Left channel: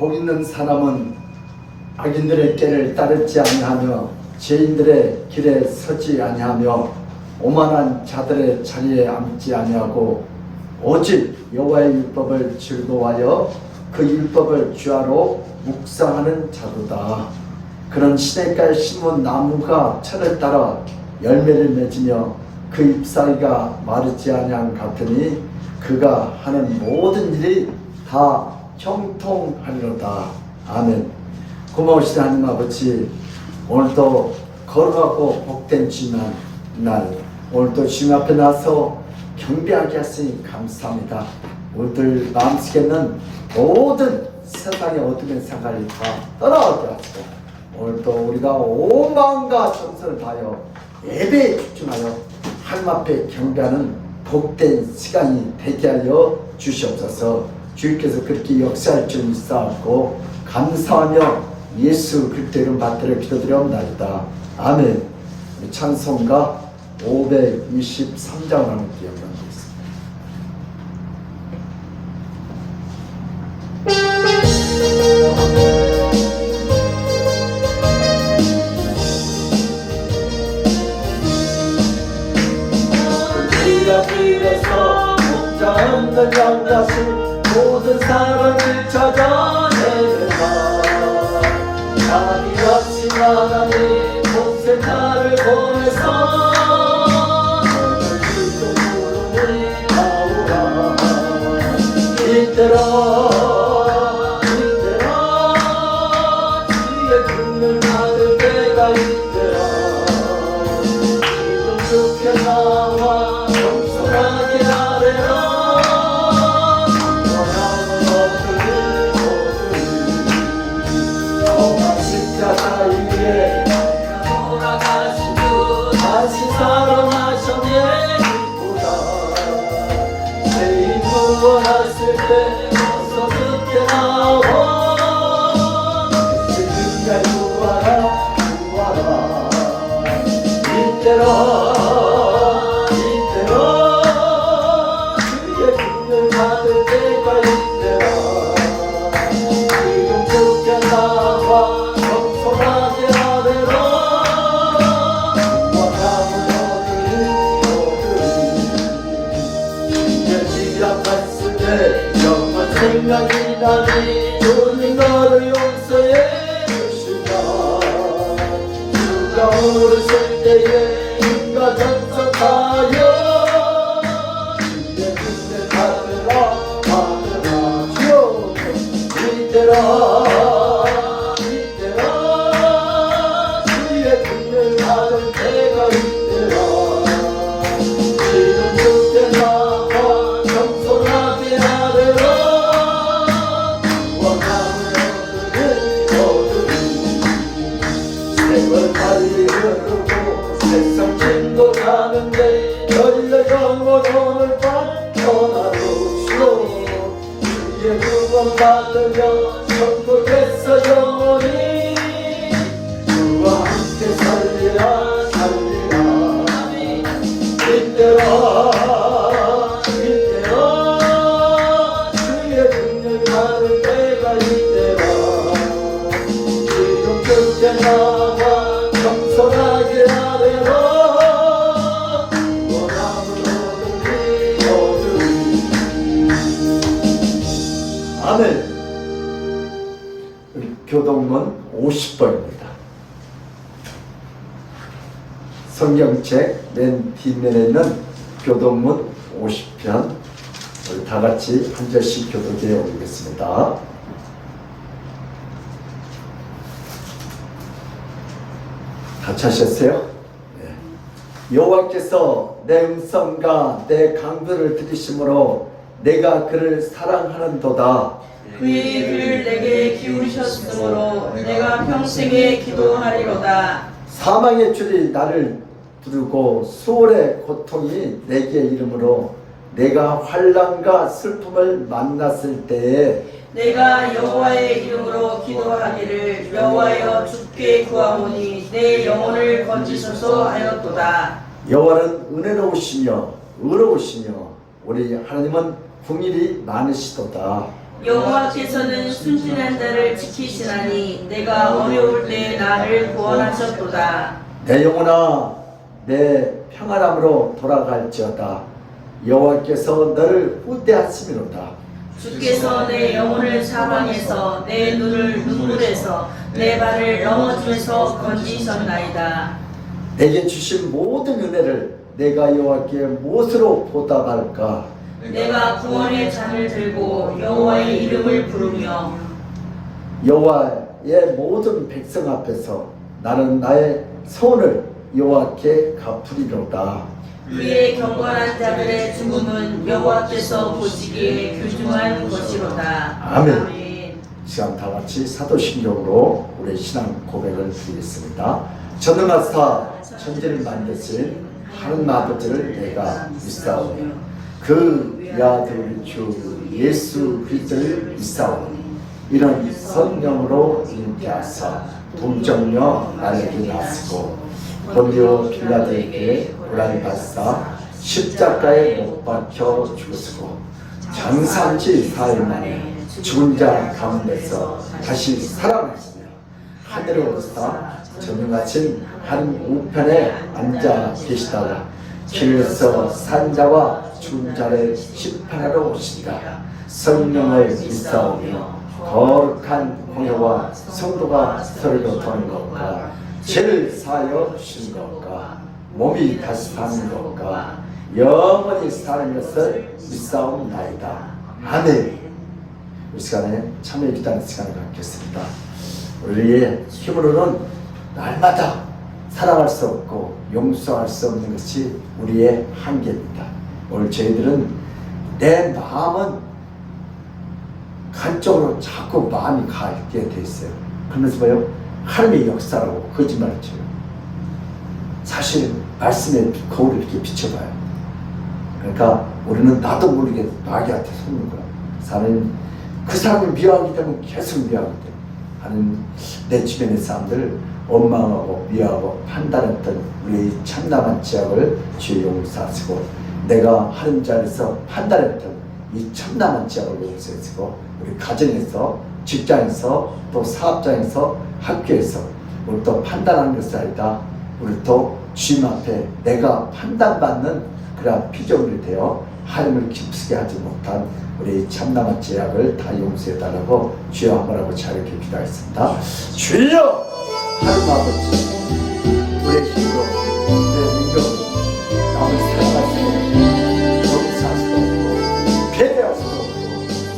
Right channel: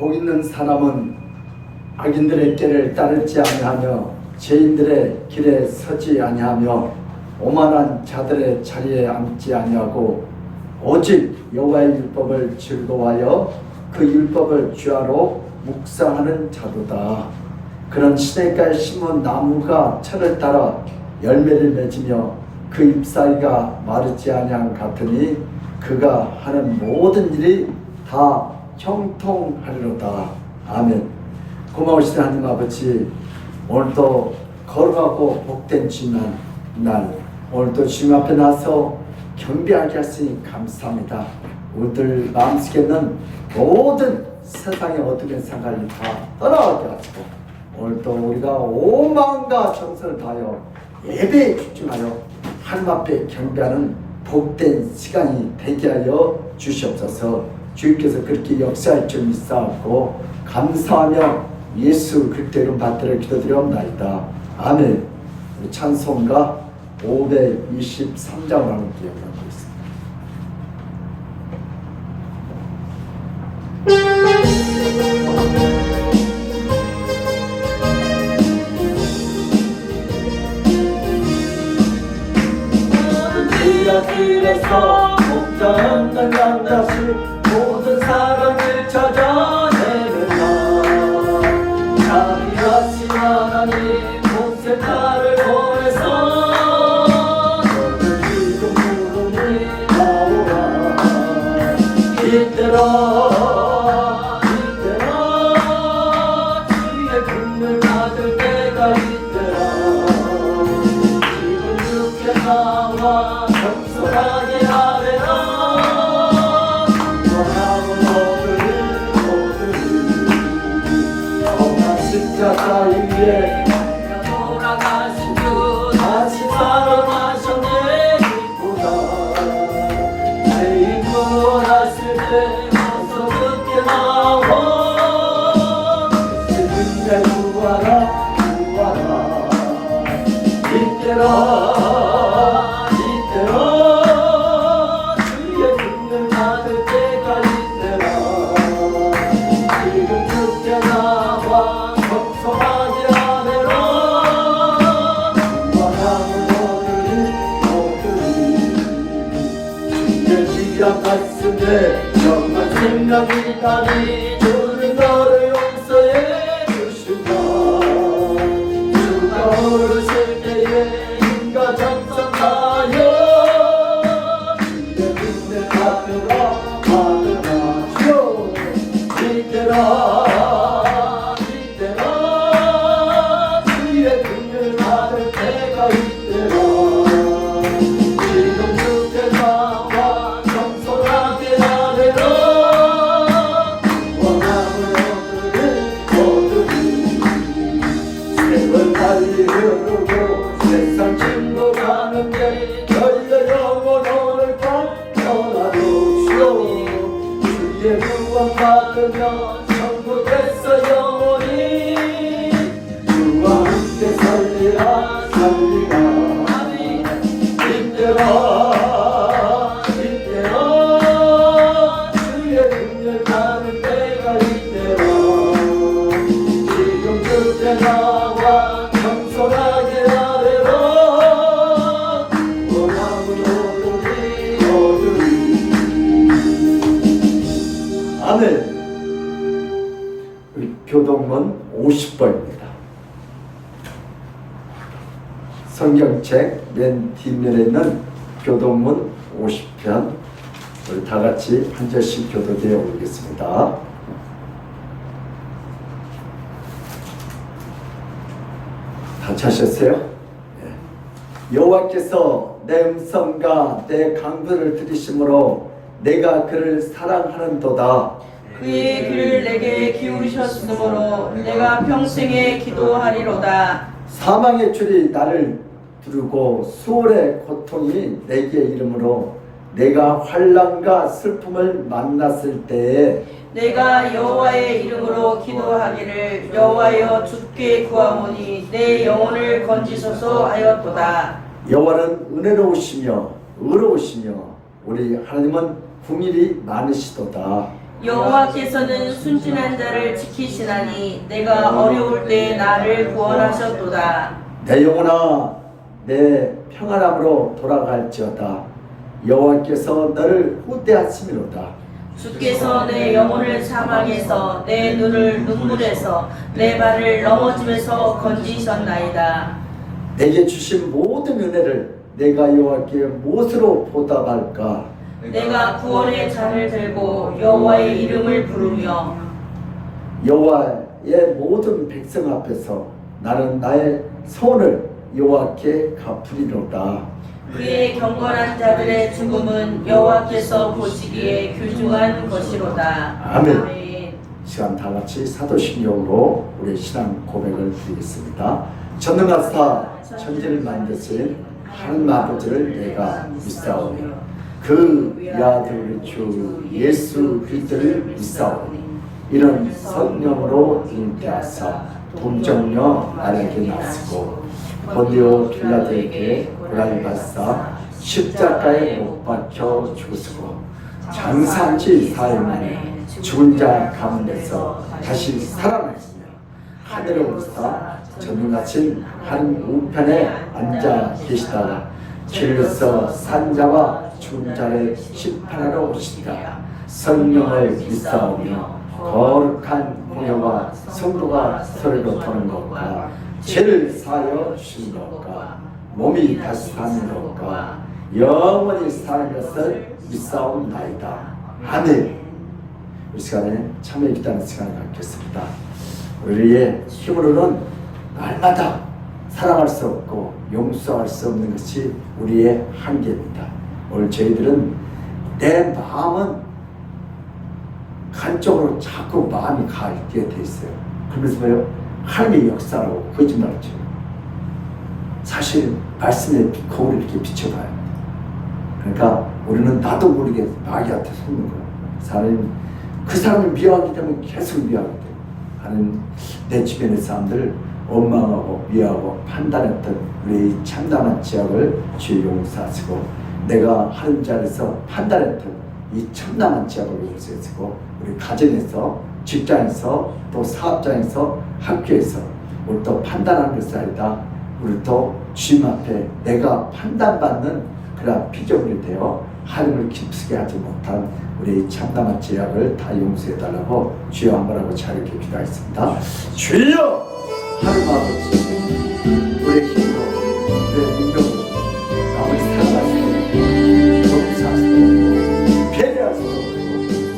복 있는 사람은 악인들의 길을 따르지 아니하며 죄인들의 길에 서지 아니하며 오만한 자들의 자리에 앉지 아니하고 오직 여호와의 율법을 즐거워하여 그 율법을 주야로 묵상하는 자도다. 그런 시냇가에 심은 나무가 철을 따라 열매를 맺으며 그 잎사귀가 마르지 아니함 같으니 그가 하는 모든 일이 다 형통하리로다. 아멘. 고마우신 하나님 아버지, 오늘도 거룩하고 복된 주님의 날, 오늘도 주님 앞에 나서 경배하게 하시니 감사합니다. 우리들 마음속에 있는 모든 세상의 어둠의 생각이 다 떠나오게 하시고, 오늘도 우리가 온 마음과 정성을 다하여 예배에 집중하여 하나님 앞에 경배하는 복된 시간이 되게 하여 주시옵소서. 주께서 그렇게 역사할 줄 믿사옵고 감사하며 예수 그리스도 이름 받들어 기도드려옵나이다. 아멘. 우리 찬송가 523장을 함께 연주하고 있습니다. 그 앞길에서 목자없는 양자식 모든 사람들 찾아내라. 자기 같이 하나님 모세 나를 보내서 너를 기둥 부르니 나오라. 이때라 주의 긍휼 받을 때가 이때라. 지금 급해 나와 겸손하게 하래라. 십자가 위에 돌아가신 주 다시 살아나셨네 보다 죄인 구원하실 때 어서 죽게 나와 그날 구하라 구하라 이때라 이때라 주의 긍휼 받을 때가 이때라 지금 죽게 나와 겸손하게 하래라 구원함을 얻으리 진리란 말씀에 영원 생명이 나니 주님 너를 용서해 주신다 주가 오르실 때에 인과 전선하여 주의 은혜 받으라 받으라 주여 이때라 이때라 주의 긍휼 받을 때가 이때라 지금 죽게 나와 겸손하게 하래라 원함을 얻으리 세월 달리 흐르고 세상 진도하는데 열려 영원 오늘 밤 전하루 주로 주의 구원 받으며 천국에서 영원히 주와 함께 살리라 살리라 이때라 이때라 주의 긍휼 받을 때가 이때라 지금 죽게 나와 겸손하게 하래라 원함을 얻으리 아멘. 우리 교동문 50번입니다. 성경책 맨 뒷면에 있는 교동문 50편 우리 다 같이 한 절씩 교독해 올리겠습니다. 다 찾으셨어요? 네. 여호와께서 내 음성과 내 강구를 들으심으로 내가 그를 사랑하는도다. 그의 귀를 내게 기울이셨으므로 내가 평생에 기도하리로다. 사망의 줄이 나를 두르고 수월의 고통이 내게 이르므로 내가 환난과 슬픔을 만났을 때에 내가 여호와의 이름으로 기도하기를 여호와여 주께 구하오니 내 영혼을 건지소서 하였도다. 여호와는 은혜로우시며 의로우시며 우리 하나님은 긍휼이 많으시도다. 여호와께서는 순진한 자를 지키시나니 내가 어려울 때 나를 구원하셨도다. 내 영혼아 내 평안함으로 돌아갈지어다. 여호와께서 너를 후대하심이로다. 주께서 내 영혼을 사방에서 내 눈을 눈물에서 내 발을 넘어짐에서 건지셨나이다. 내게 주신 모든 은혜를 내가 여호와께 무엇으로 보답할까? 내가 구원의 잔을 들고 여호와의 이름을 부르며 여호와의 모든 백성 앞에서 나는 나의 소원을 여호와께 갚으리로다. 그의 경건한 자들의 죽음은 여호와께서 보시기에 귀중한 것이로다. 아멘. 시간 다 같이 사도신경으로 우리 신앙 고백을 드리겠습니다. 전능하사 천지를 만드신 하나님 아버지를 내가 믿사오니 그 아들 주 예수 그리스도를 믿사오니 이런 성령으로 잉태하사 동정녀 나에게 나시고 본디오 빌라도에게 고난을 받사 십자가에 못 박혀 죽으시고 장사치 사흘 만에 죽은 자 가운데서 다시 살아나시며 하늘에 오르사 전능하신 하늘 우편에 앉아 계시다가 길에서 산 자와 죽은 자를 심판하러 오신다. 성령을 믿사오며 거룩한 공회와 성도가 서로를 돕는 것과 죄를 사하여 주신 것과 몸이 다시 사는 것과 영원히 사는 것을 믿사옵나이다. 아멘. 이 시간에 참여 기도하는 시간을 갖겠습니다. 우리의 힘으로는 날마다 살아갈 수 없고 용서할 수 없는 것이 우리의 한계입니다. 오늘 저희들은 내 마음은 한쪽으로 자꾸 마음이 가게 돼 있어요. 그러면서 뭐요? 하나님의 역사라고 거짓말을 쳐요. 사실 말씀에 거울을 이렇게 비춰봐요. 그러니까 우리는 나도 모르게 마귀한테 속는 거예요. 그 사람을 미워하기 때문에 계속 미워하기 때문에 하는 내 주변의 사람들을 원망하고 미워하고 판단했던 우리 참담한 지역을 주의 용서하시고, 내가 하는 자리에서 판단했던 이 참담한 지역을 용서하시고, 우리 가정에서, 직장에서, 또 사업장에서, 학교에서 우리 또 판단하는 것이 아니다. 우리 또 주님 앞에 내가 판단받는 그러한 피조물이 되어 하나님을 기쁘게 하지 못한 우리 참담한 죄악을 다 용서해달라고 주여 한번하고 자유롭게 기도하겠습니다. 주여 하나님 아버지, 우리의 힘으로, 우리의 능력으로 남을 사랑할 수도 없고 용서할 수도 없고 배려할 수도 없고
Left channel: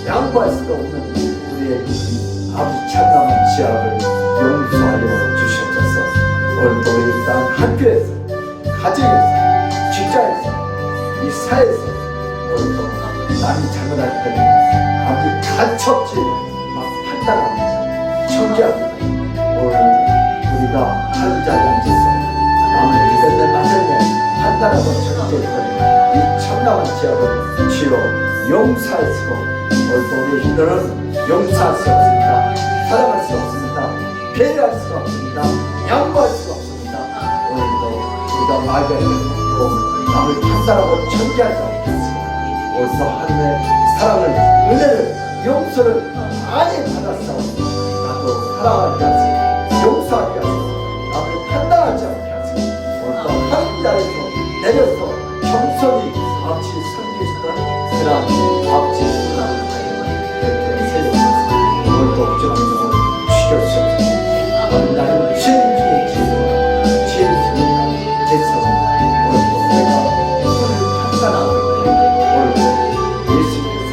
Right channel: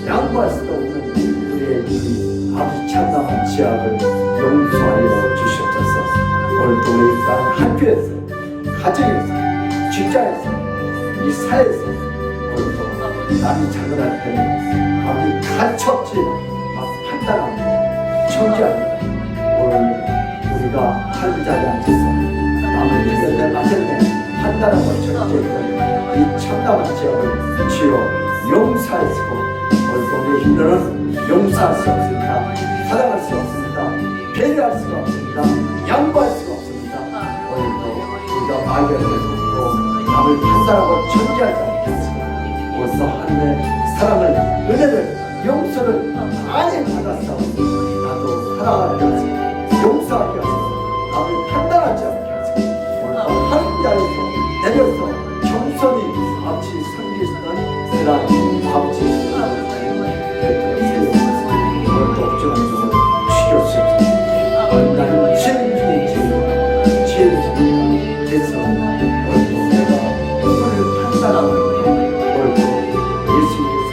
양보할 수도 없는 우리의 이 아버지 참담한 죄악을 용서하여 주시옵소서. 오늘도 우리 땅 학교에서, 가정에서, 직장에서, 이 사회에서 오늘도 남이 잘못할 때는 아무리 가차없이 막 판단합니다. 청지합니다. 오늘 우리가 하는 자리에 앉아서 남을 믿는데 맞을때 판단하고 청지했던 이 참담한 지역을 주여 용서하시고, 오늘도 우리의 힘들은 용서할 수 없습니다. 사랑할 수 없습니다. 배려할 수가 없습니다. 양보할 수가 없습니다. 오늘도 우리가 마귀에게 속고 남을 판단하고 천지하지 않게 하시고, 오늘도 하나님의 사랑을, 은혜를, 용서를 많이 받았어. 나도 사랑하게 하시고 용서하게 하시고 남을 판단하지 않게 하시고, 오늘도 하나님 자리에서 내려서 겸손히 아버지 섬기시던 그런 아버지 사랑을 세워주시고, 오늘도 부정한 영을 죽여주셨습니다. 나는 죄인 중에 죄인이다. 죄인 중에 죄스러 오늘도 내가 너를 판단하고 있다. 오늘도 예수님께서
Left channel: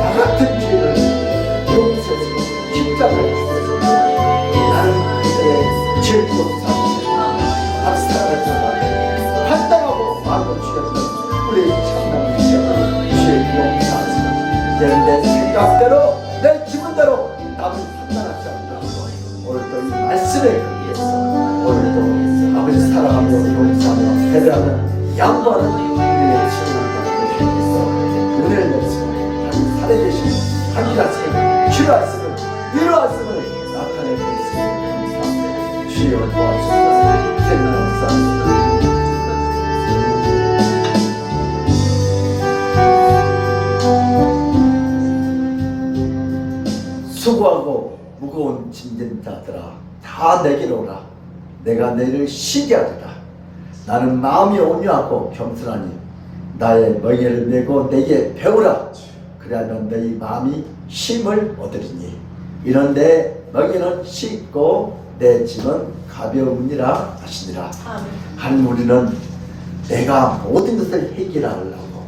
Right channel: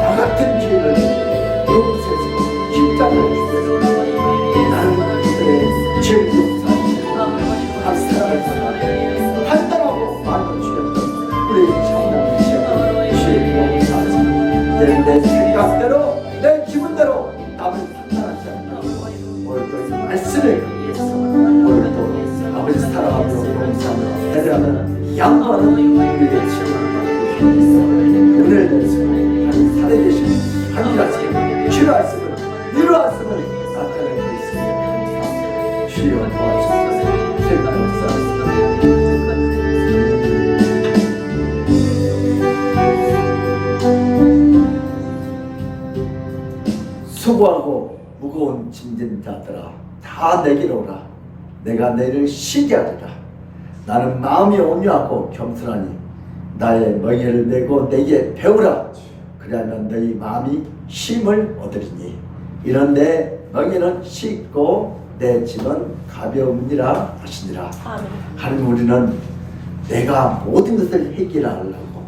나 같은 죄인을 용서하시고 십자가를 주셔서 나는 그들의 죄를 용서하시고 한 사랑을 받아 판단하고 마음을 주셨던 우리 참남의 죄를 주의 용서하시고, 이제는 내 생각대로 내 기분대로 남을 판단하지 않게 하고, 오늘도 이 말씀에 의해서 오늘도 아버지 사랑하며 용서하며 배려하는 양보하는 우리의 지혜를 만들어주셔서 은혜를 내시고 하나님 살아계시는 함께하시는 치료하시는 위로하시는 나타내고 있으니 감사합니다. 주여 도와주셔서 생각합니다. 수고하고 무거운 짐진 자들아 다 내게로 오라. 내가 너희를 쉬게 하리라. 나는 마음이 온유하고 겸손하니 나의 멍에를 메고 내게 배우라. 그리하면 너희 마음이 쉼을 얻으리니 이런 내 멍에는 쉽고 내 짐은 가벼우니라 하시니라. 하나님, 우리는 내가 모든 것을 해결하려고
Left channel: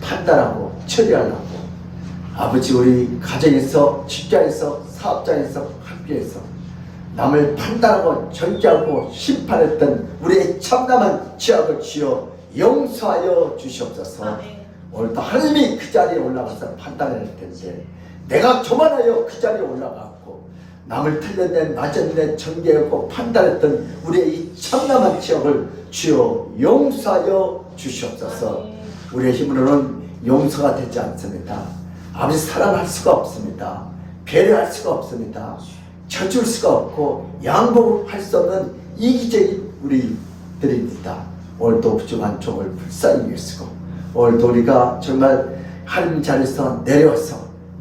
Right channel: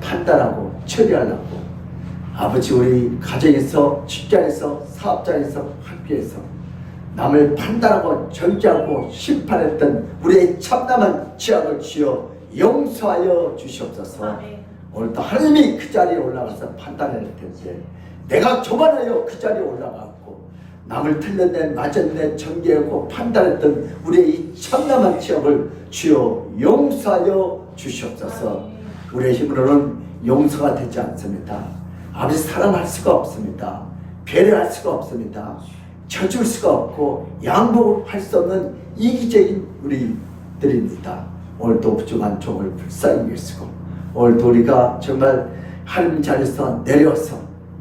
판단하고 처리하려고 아버지 우리 가정에서, 직장에서, 사업장에서, 학교에서 남을 판단하고 정죄하고 심판했던 우리의 참담한 죄악을 주여 용서하여 주시옵소서. 오늘도 하나님이 그 자리에 올라가서 판단할 텐데 내가 교만하여 그 자리에 올라갔고 남을 틀렸네 맞았네 정죄하고 판단했던 우리의 이 참담한 죄악을 주여 용서하여 주시옵소서. 우리의 힘으로는 용서가 되지 않습니다. 아버지 사랑할 수가 없습니다. 배려할 수가 없습니다. 져줄 수가 없고 양보할 수 없는 이기적인 우리들입니다. 오늘도 부족한 종을 불쌍히 여기시고 오늘도 우리가 정말 하나님 자리에서 내려와서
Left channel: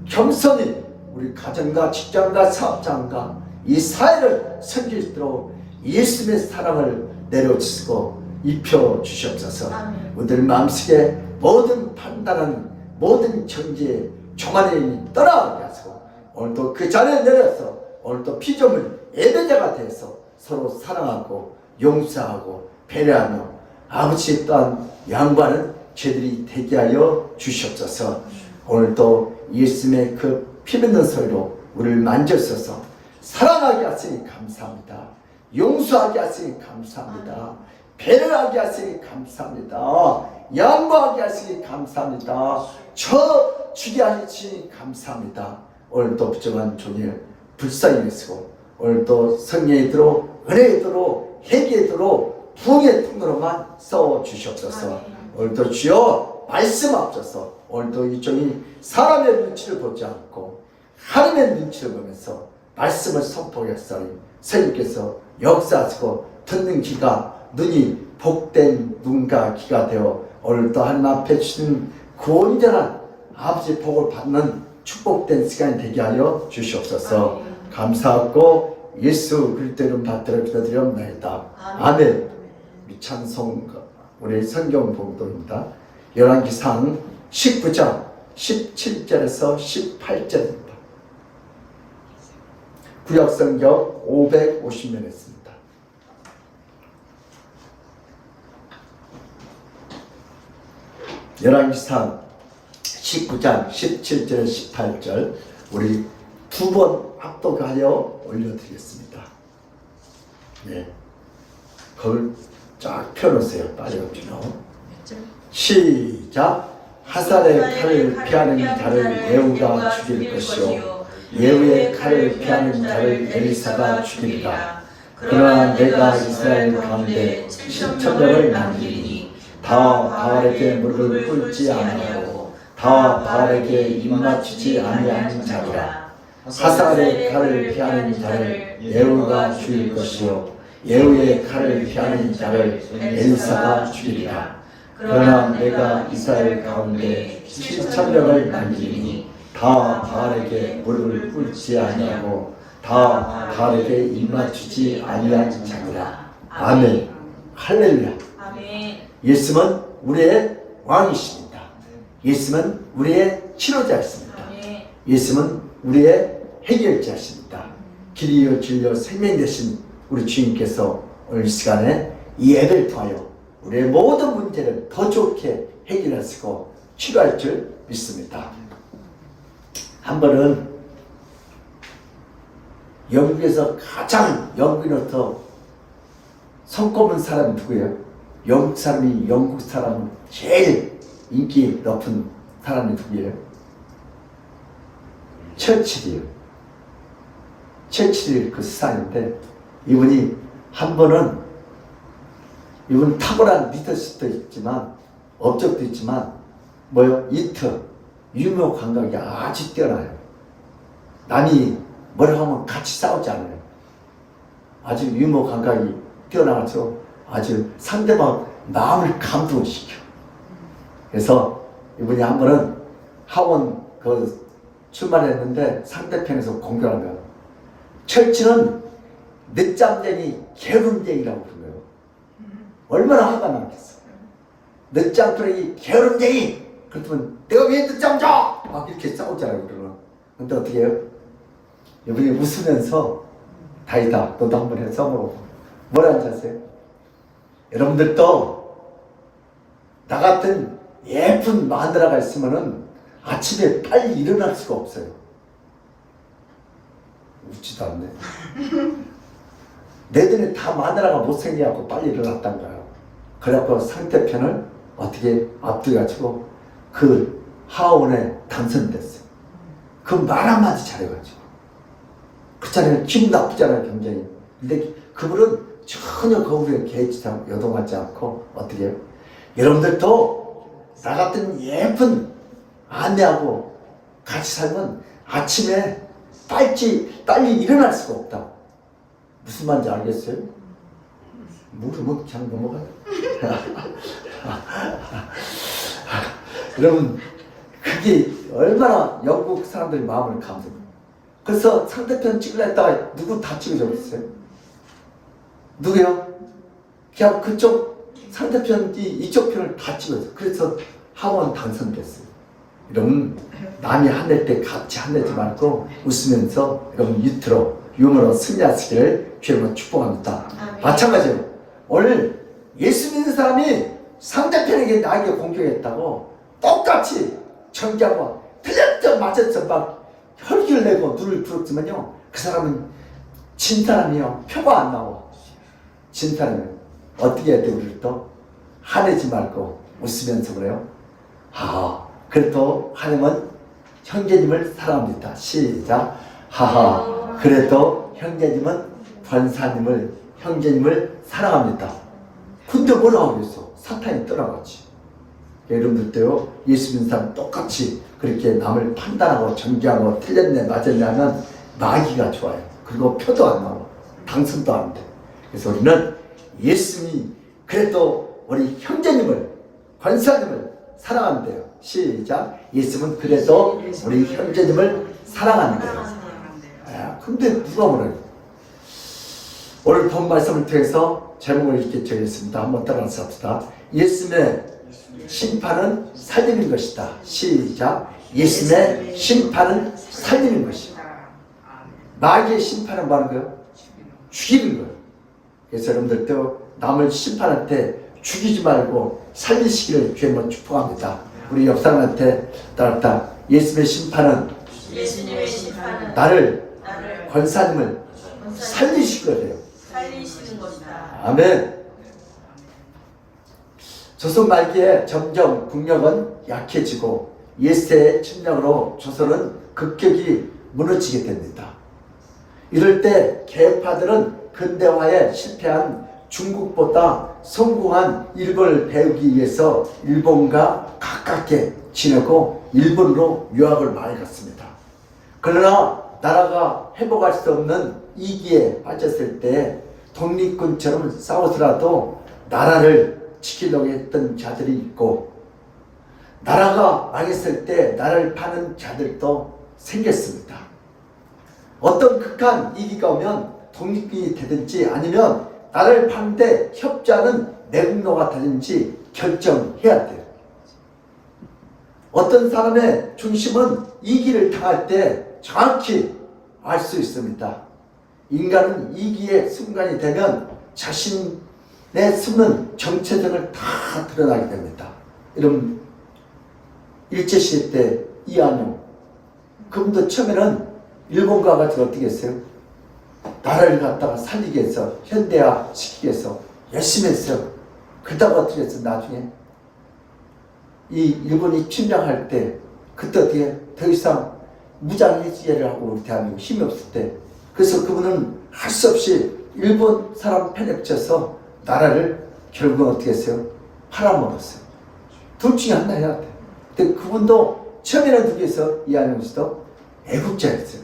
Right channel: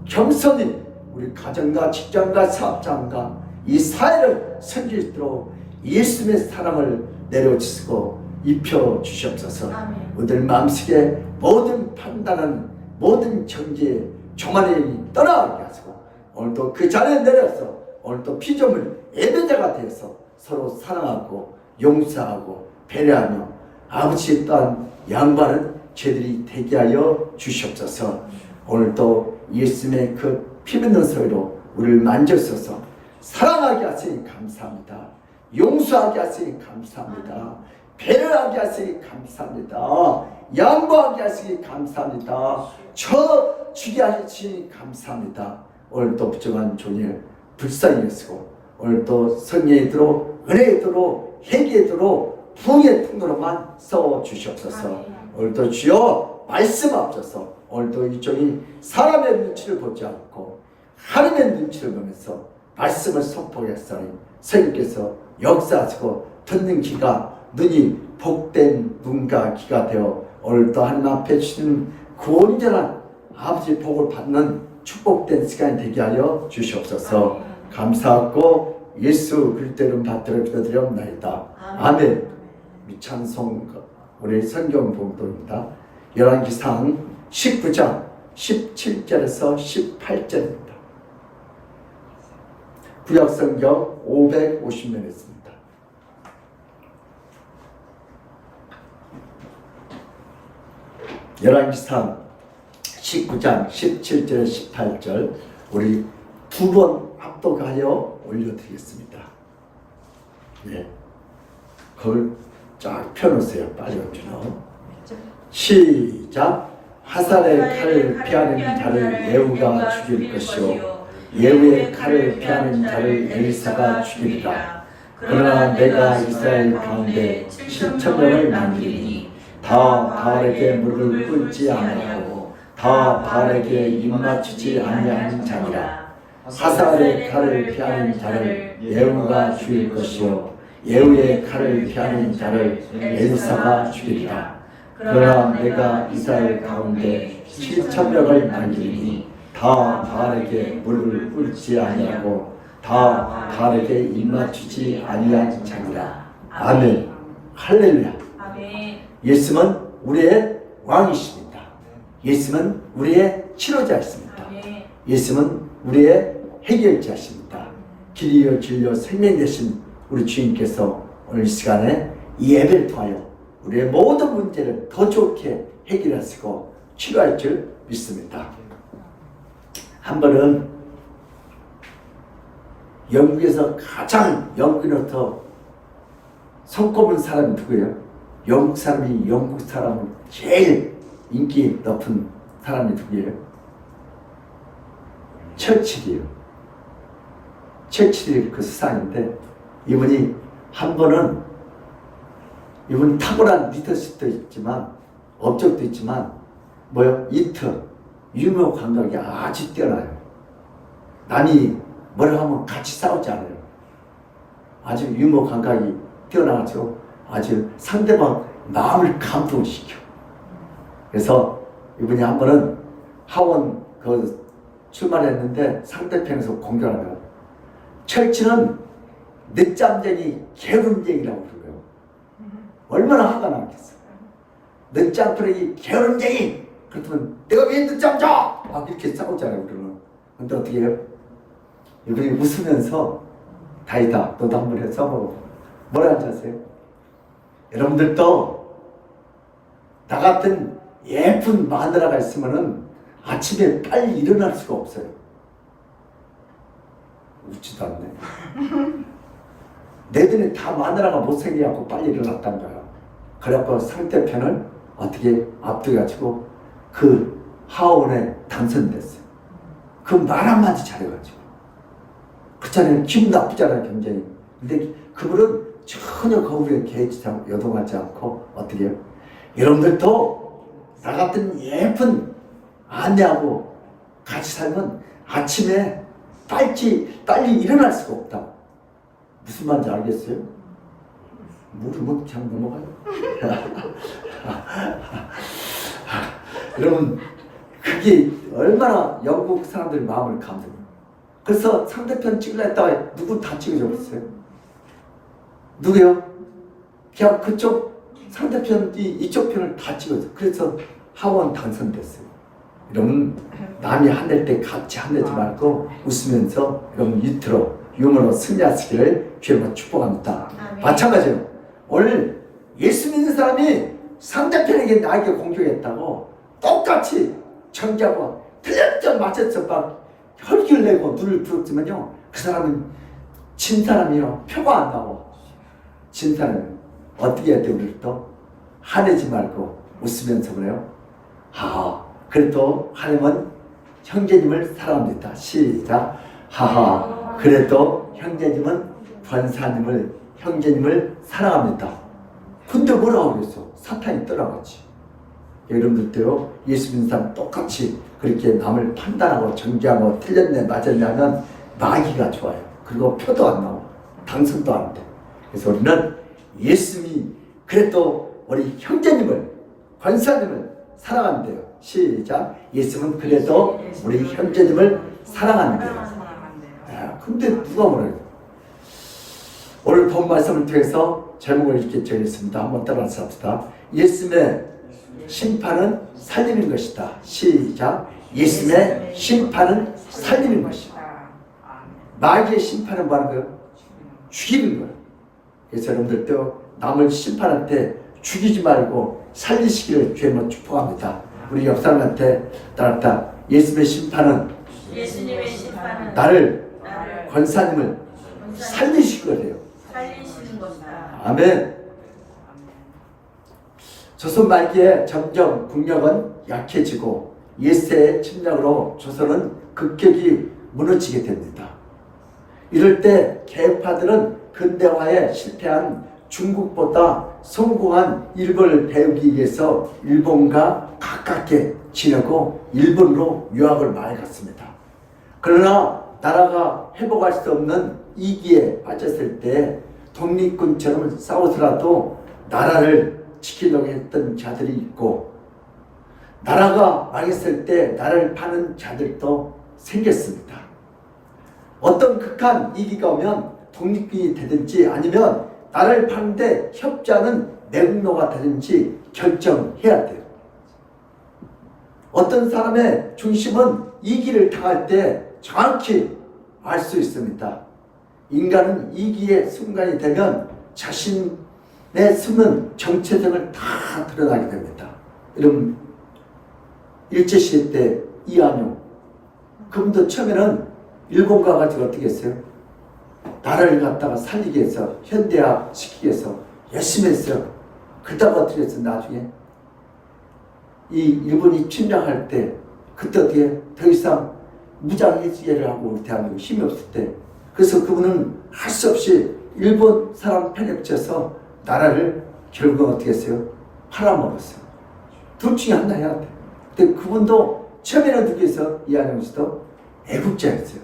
겸손히 우리 가정과 직장과 사업장과 이 사회를 섬기도록 예수님의 사랑을 내려주시고 입혀주시옵소서. 우리들 마음속에 모든 판단은 모든 정죄 교만의 힘이 떠나게 하시고 오늘도 그 자리에 내려서 오늘도 피조물 예배자가 되어서 서로 사랑하고 용서하고 배려하며 아버지 또한 양보하는 죄들이 되게 하여 주시옵소서. 오늘도 예수님의 그 피 묻는 소리로 우리를 만져서서 사랑하게 하시니 감사합니다. 용서하게 하시니 감사합니다. 배려하게 하시니 감사합니다. 양보하게 하시니 감사합니다. 저 주게 하시니 감사합니다. 오늘도 부정한 종일 불쌍히 여시고 오늘도 성령의 도로, 은혜의 도로, 회개의 도로, 부흥의 통로로만 써주시옵소서. 오늘도 주여 말씀하옵소서. 오늘도 이 종이 사람의 눈치를 보지 않고 하나님의 눈치를 보면서 말씀을 선포하겠사니 성령께서 역사하시고 듣는 귀가, 눈이 복된 눈과 귀가 되어 오늘도 하나님 앞에 주시는 그 온전한 아버지의 복을 받는 축복된 시간이 되게 하여 주시옵소서. 감사하고 예수 그리스도 이름 받들어 기도드리옵나이다. 아멘. 찬송 우리 성경 봉독입니다. 열왕기상 19장 17절에서 18절입니다. 구약성경 550면 있습니다. 열왕기상 19장 17절 18절 우리 두 번 합독하여 올려드리겠습니다. 네, 그걸 쫙 펴놓으세요. 빨리 펴놓. 시작. 하살의 칼을 피하는 자를 예후가 죽일 것이요 예후의 칼을 피하는 자를 엘리사가 죽이리라. 그러나 내가 이스라엘 가운데 7,000명을 남기니 다 바알에게 무릎을 꿇지 아니하고 다 바알에게 입맞추지 아니하는 자니라. 하살의 칼을 피하는 자를 예후가 죽일 것이요 예후의 칼을 피하는 자를 엘리사가 죽이리라. 그러나 내가 이스라엘 가운데 7,000명을 남기니 다 바알에게 무릎을 꿇지 아니하고 다 바알에게 입맞추지 아니한 자니라. 아멘. 할렐루야. 예수는 우리의 왕이십니다. 예수는 우리의 치료자이십니다. 예수는 우리의 해결자이십니다. 길이요 진리요 생명 되신 우리 주님께서 오늘 시간에 이 예배를 통하여 우리의 모든 문제를 더 좋게 해결하시고 치료할 줄 믿습니다. 한 번은 영국에서 가장 영국인으로부터 손꼽은 사람이 누구예요? 영국 사람이 영국 사람은 제일 인기 높은 사람이 누구예요? 처칠이에요. 처칠이 그 수상인데 이분이 한 번은 이분 탁월한 리더십도 있지만 업적도 있지만 뭐요? 유머 감각이 아주 뛰어나요. 남이 뭐라고 하면 같이 싸우지 않아요. 아주 유머 감각이 뛰어나서 아주 상대방 마음을 감동시켜. 그래서 이분이 한 번은 학원 출마했는데 상대편에서 공격하는 거예요. 철치는 늦잠쟁이 게으름쟁이라고 부른 거예요. 얼마나 화가 나겠어. 늦잠부레기 게으름쟁이. 그렇다면 내가 왜 늦잠 자? 막 이렇게 싸우잖아요. 그러면. 근데 어떻게 해요? 이분이 웃으면서 다이다 너도 한번 해서 써보고 뭐라 하셨어요? 여러분들도 나 같은 예쁜 마누라가 있으면은 아침에 빨리 일어날 수가 없어요. 웃지도 않네. 내 눈에 다 마누라가 못생겨갖고 빨리 일어났단 거야. 그래갖고 상대편을 어떻게 앞두가지고 그 하원에 당선됐어요. 그 말 한마디 잘해가지고. 그렇잖아요. 기분 나쁘잖아요, 굉장히. 근데 그분은 전혀 거기에 개의치 요동하지 않고 어떻게 해요? 여러분들도 나 같은 예쁜 아내하고 같이 살면 아침에 빨리 일어날 수가 없다. 무슨 말인지 알겠어요? 모르면 그냥 넘어가요. 여러분, 그게 얼마나 영국 사람들의 마음을 감동해요. 그래서 상대편 찍으려 했다가 누구 다 찍어져 버렸어요. 누구요? 그냥 그쪽 상대편이 이쪽 편을 다 찍어서 그래서 하원 당선됐어요. 여러분, 남이 화낼 때 같이 화내지 말고 웃으면서 여러분 유머로 승리하시기를 주님으로 축복합니다. 마찬가지로 오늘 예수 믿는 사람이 상대편에게 나에게 공격했다고 똑같이 정죄하고 틀렸죠 맞았죠 막 혈기를 내고 눈을 부었지만요 그 사람은 진 사람이요 표가 안 나와. 진 사람은 어떻게 해야 돼? 우리를 또 화내지 말고 웃으면서 그래요. 그래도 하나님은 형제님을 사랑합니다. 시작. 그래도 형제님은 권사님을, 형제님을 사랑합니다. 근데 뭐라고 그랬어? 사탄이 떠나갔지. 여러분들도요, 예수 믿는 사람 똑같이 그렇게 남을 판단하고 정죄하고 틀렸네 맞았네 하면 마귀가 좋아요. 그리고 표도 안 나오고 당선도 안 돼. 그래서 우리는 예수님이 그래도 우리 형제님을, 권사님을 사랑한대요. 시작. 예수님은 그래도 우리 형제님을 사랑한대요. 근데 누가 뭐래요? 오늘 본 말씀을 통해서 제목을 이렇게 정했습니다. 한번 따라서 합시다. 예수님의 심판은 살림인 것이다. 시작. 예수님의 심판은 살림인 것이다. 마귀의 심판은 뭐 하는 거예요? 죽이는 거예요. 그래서 여러분들도 남을 심판할 때 죽이지 말고 살리시기를 주님은 축복합니다. 우리 옆 사람한테 따랐다. 예수님의 심판은 나를 권사님을 살리시거든요. 살리시는 것이다. 아멘. 조선 말기에 점점 국력은 약해지고 예세의 침략으로 조선은 급격히 무너지게 됩니다. 이럴 때 개파들은 근대화에 실패한 중국보다 성공한 일본을 배우기 위해서 일본과 가깝게 지내고 일본으로 유학을 많이 갔습니다. 그러나 나라가 회복할 수 없는 위기에 빠졌을 때 독립군처럼 싸우더라도 나라를 지키려고 했던 자들이 있고, 나라가 망했을 때 나라를 파는 자들도 생겼습니다. 어떤 극한 위기가 오면 독립군이 되든지 아니면 나라를 파는데 협조하는 내국노가 되든지 결정해야 돼요. 어떤 사람의 중심은 위기를 당할 때 정확히 알 수 있습니다. 인간은 위기의 순간이 되면 자신의 숨은 정체성을 다 드러나게 됩니다. 여러분, 일제시대 때 이한용, 그분도 처음에는 일본 가가지고 어떻게 했어요? 나라를 갖다가 살리기 위해서, 현대화 시키기 위해서 열심히 했어요. 그러다가 어떻게 했어요? 나중에 이 일본이 침략할 때, 그때 어떻게 더 이상 무장해제를 하고 우리 대한민국 힘이 없을 때, 그래서 그분은 할 수 없이 일본 사람 편에 붙여서 나라를 결국은 어떻게 했어요? 팔아먹었어요. 둘 중에 하나 해야 돼. 근데 그분도 처음에는 누구였어? 이한용 씨도 애국자였어요.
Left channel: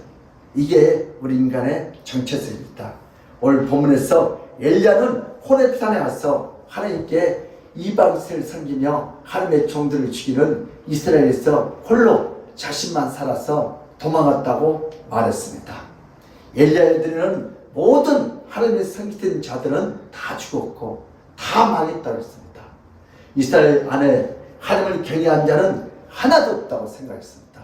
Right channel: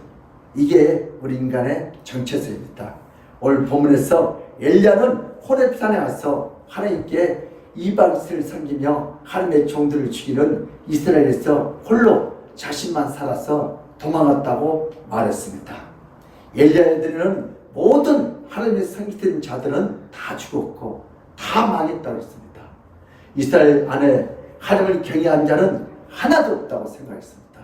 이게 우리 인간의 정체성입니다. 오늘 본문에서 엘리야는 호렙산에 가서 하나님께 이방신을 섬기며 하나님의 종들을 죽이는 이스라엘에서 홀로 자신만 살아서 도망갔다고 말했습니다. 엘리야에게는 모든 하나님의 섬기던 자들은 다 죽었고 다 망했다고 했습니다. 이스라엘 안에 하나님을 경외한 자는 하나도 없다고 생각했습니다.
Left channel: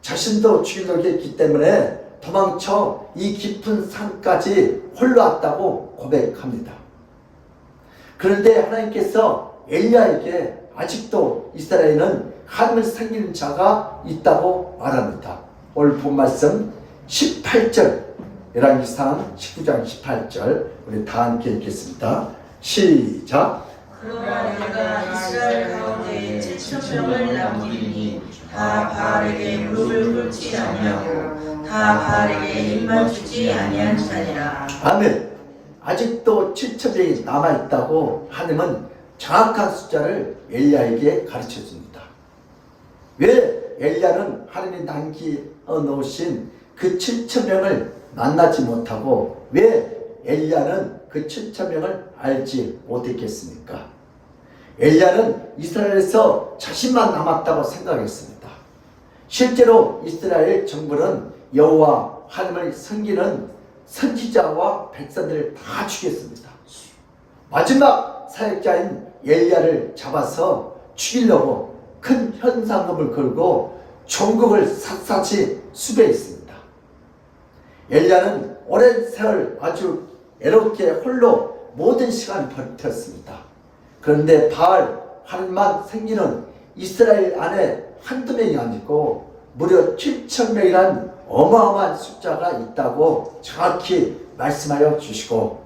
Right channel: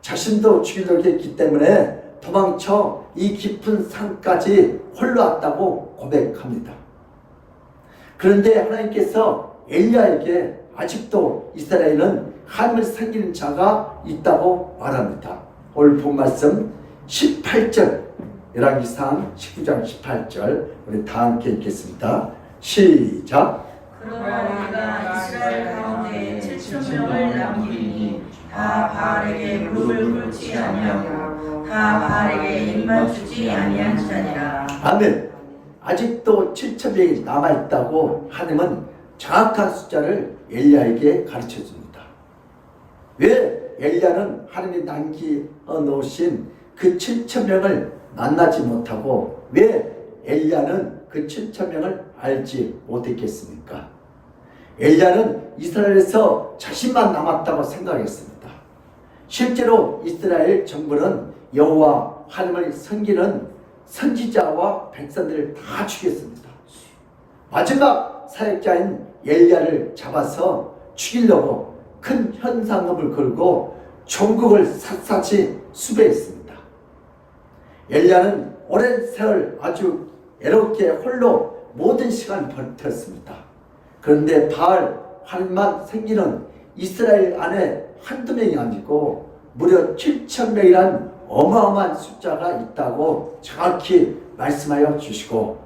자신도 죽이려고 했기 때문에 도망쳐 이 깊은 산까지 홀로 왔다고 고백합니다. 그런데 하나님께서 엘리야에게 아직도 이스라엘은 하나님을 섬기는 자가 있다고 말합니다. 오늘 본 말씀 18절, 열왕기상 19장 18절 우리 다 함께 읽겠습니다. 시작. 그러나 내가 이스라엘 가운데 7,000명을 남기리니 다 바알에게 무릎을 꿇지 아니하고 다 바알에게 입만 주지 아니한 자니라. 아멘. 아직도 7,000명이 남아있다고 하나님은 정확한 숫자를 엘리야에게 가르쳐줍니다. 왜 엘리야는 하나님이 남겨 놓으신 그 7,000명을 만나지 못하고 왜 엘리야는 그 7,000명을 알지 못했겠습니까? 엘리야는 이스라엘에서 자신만 남았다고 생각했습니다. 실제로 이스라엘 정부는 여호와 하나님을 섬기는 선지자와 백성들을 다 죽였습니다. 마지막 사역자인 엘리야를 잡아서 죽이려고 큰 현상금을 걸고 전국을 샅샅이 수배했습니다. 엘리야는 오랜 세월 아주 애롭게 홀로 모든 시간을 버텼습니다. 그런데 바알 하나님만 섬기는 이스라엘 안에 한두 명이 아니고 무려 7,000명이란 어마어마한 숫자가 있다고 정확히 말씀하여 주시고,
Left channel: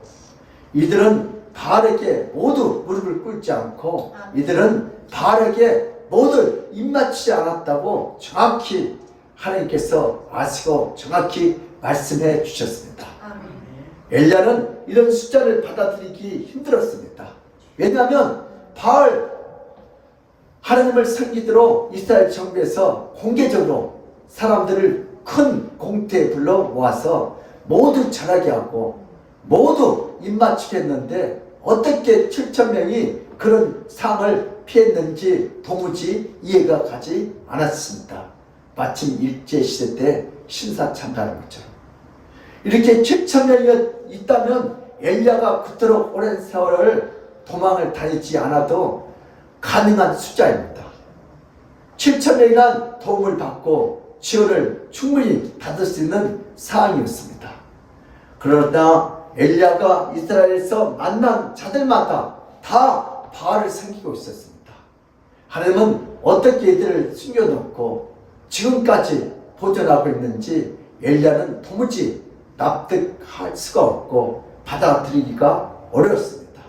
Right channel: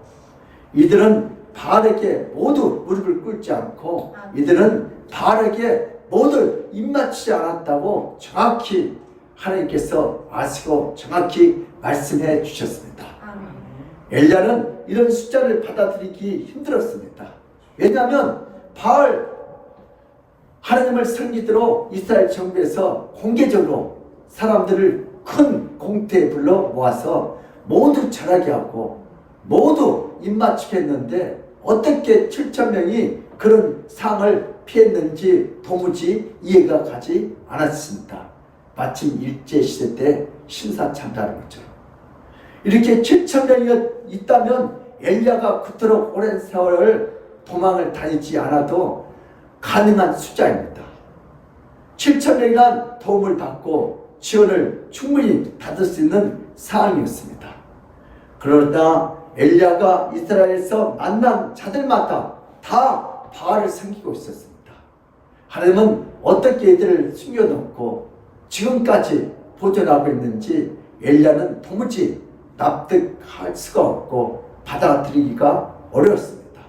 이들은 바알에게 모두 무릎을 꿇지 않고 이들은 바알에게 모두 입맞추지 않았다고 정확히 하나님께서 아시고 정확히 말씀해 주셨습니다. 엘리야는 이런 숫자를 받아들이기 힘들었습니다. 왜냐하면 바알 하나님을 섬기도록 이스라엘 정부에서 공개적으로 사람들을 큰 공터에 불러 모아서 모두 절하게 하고 모두 입맞추게 했는데 어떻게 7,000명이 그런 상을 피했는지 도무지 이해가 가지 않았습니다. 마침 일제시대 때 신사참배하는 것처럼. 이렇게 7,000명이 있다면 엘리야가 그토록 오랜 세월을 도망을 다니지 않아도 가능한 숫자입니다. 7,000명이란 도움을 받고 지원을 충분히 받을 수 있는 상황이었습니다. 그러나 엘리야가 이스라엘에서 만난 자들마다 다 바알을 섬기고 있었습니다. 하나님은 어떻게 이들을 숨겨놓고 지금까지 보존하고 있는지 엘리야는 도무지 납득할 수가 없고 받아들이기가 어려웠습니다.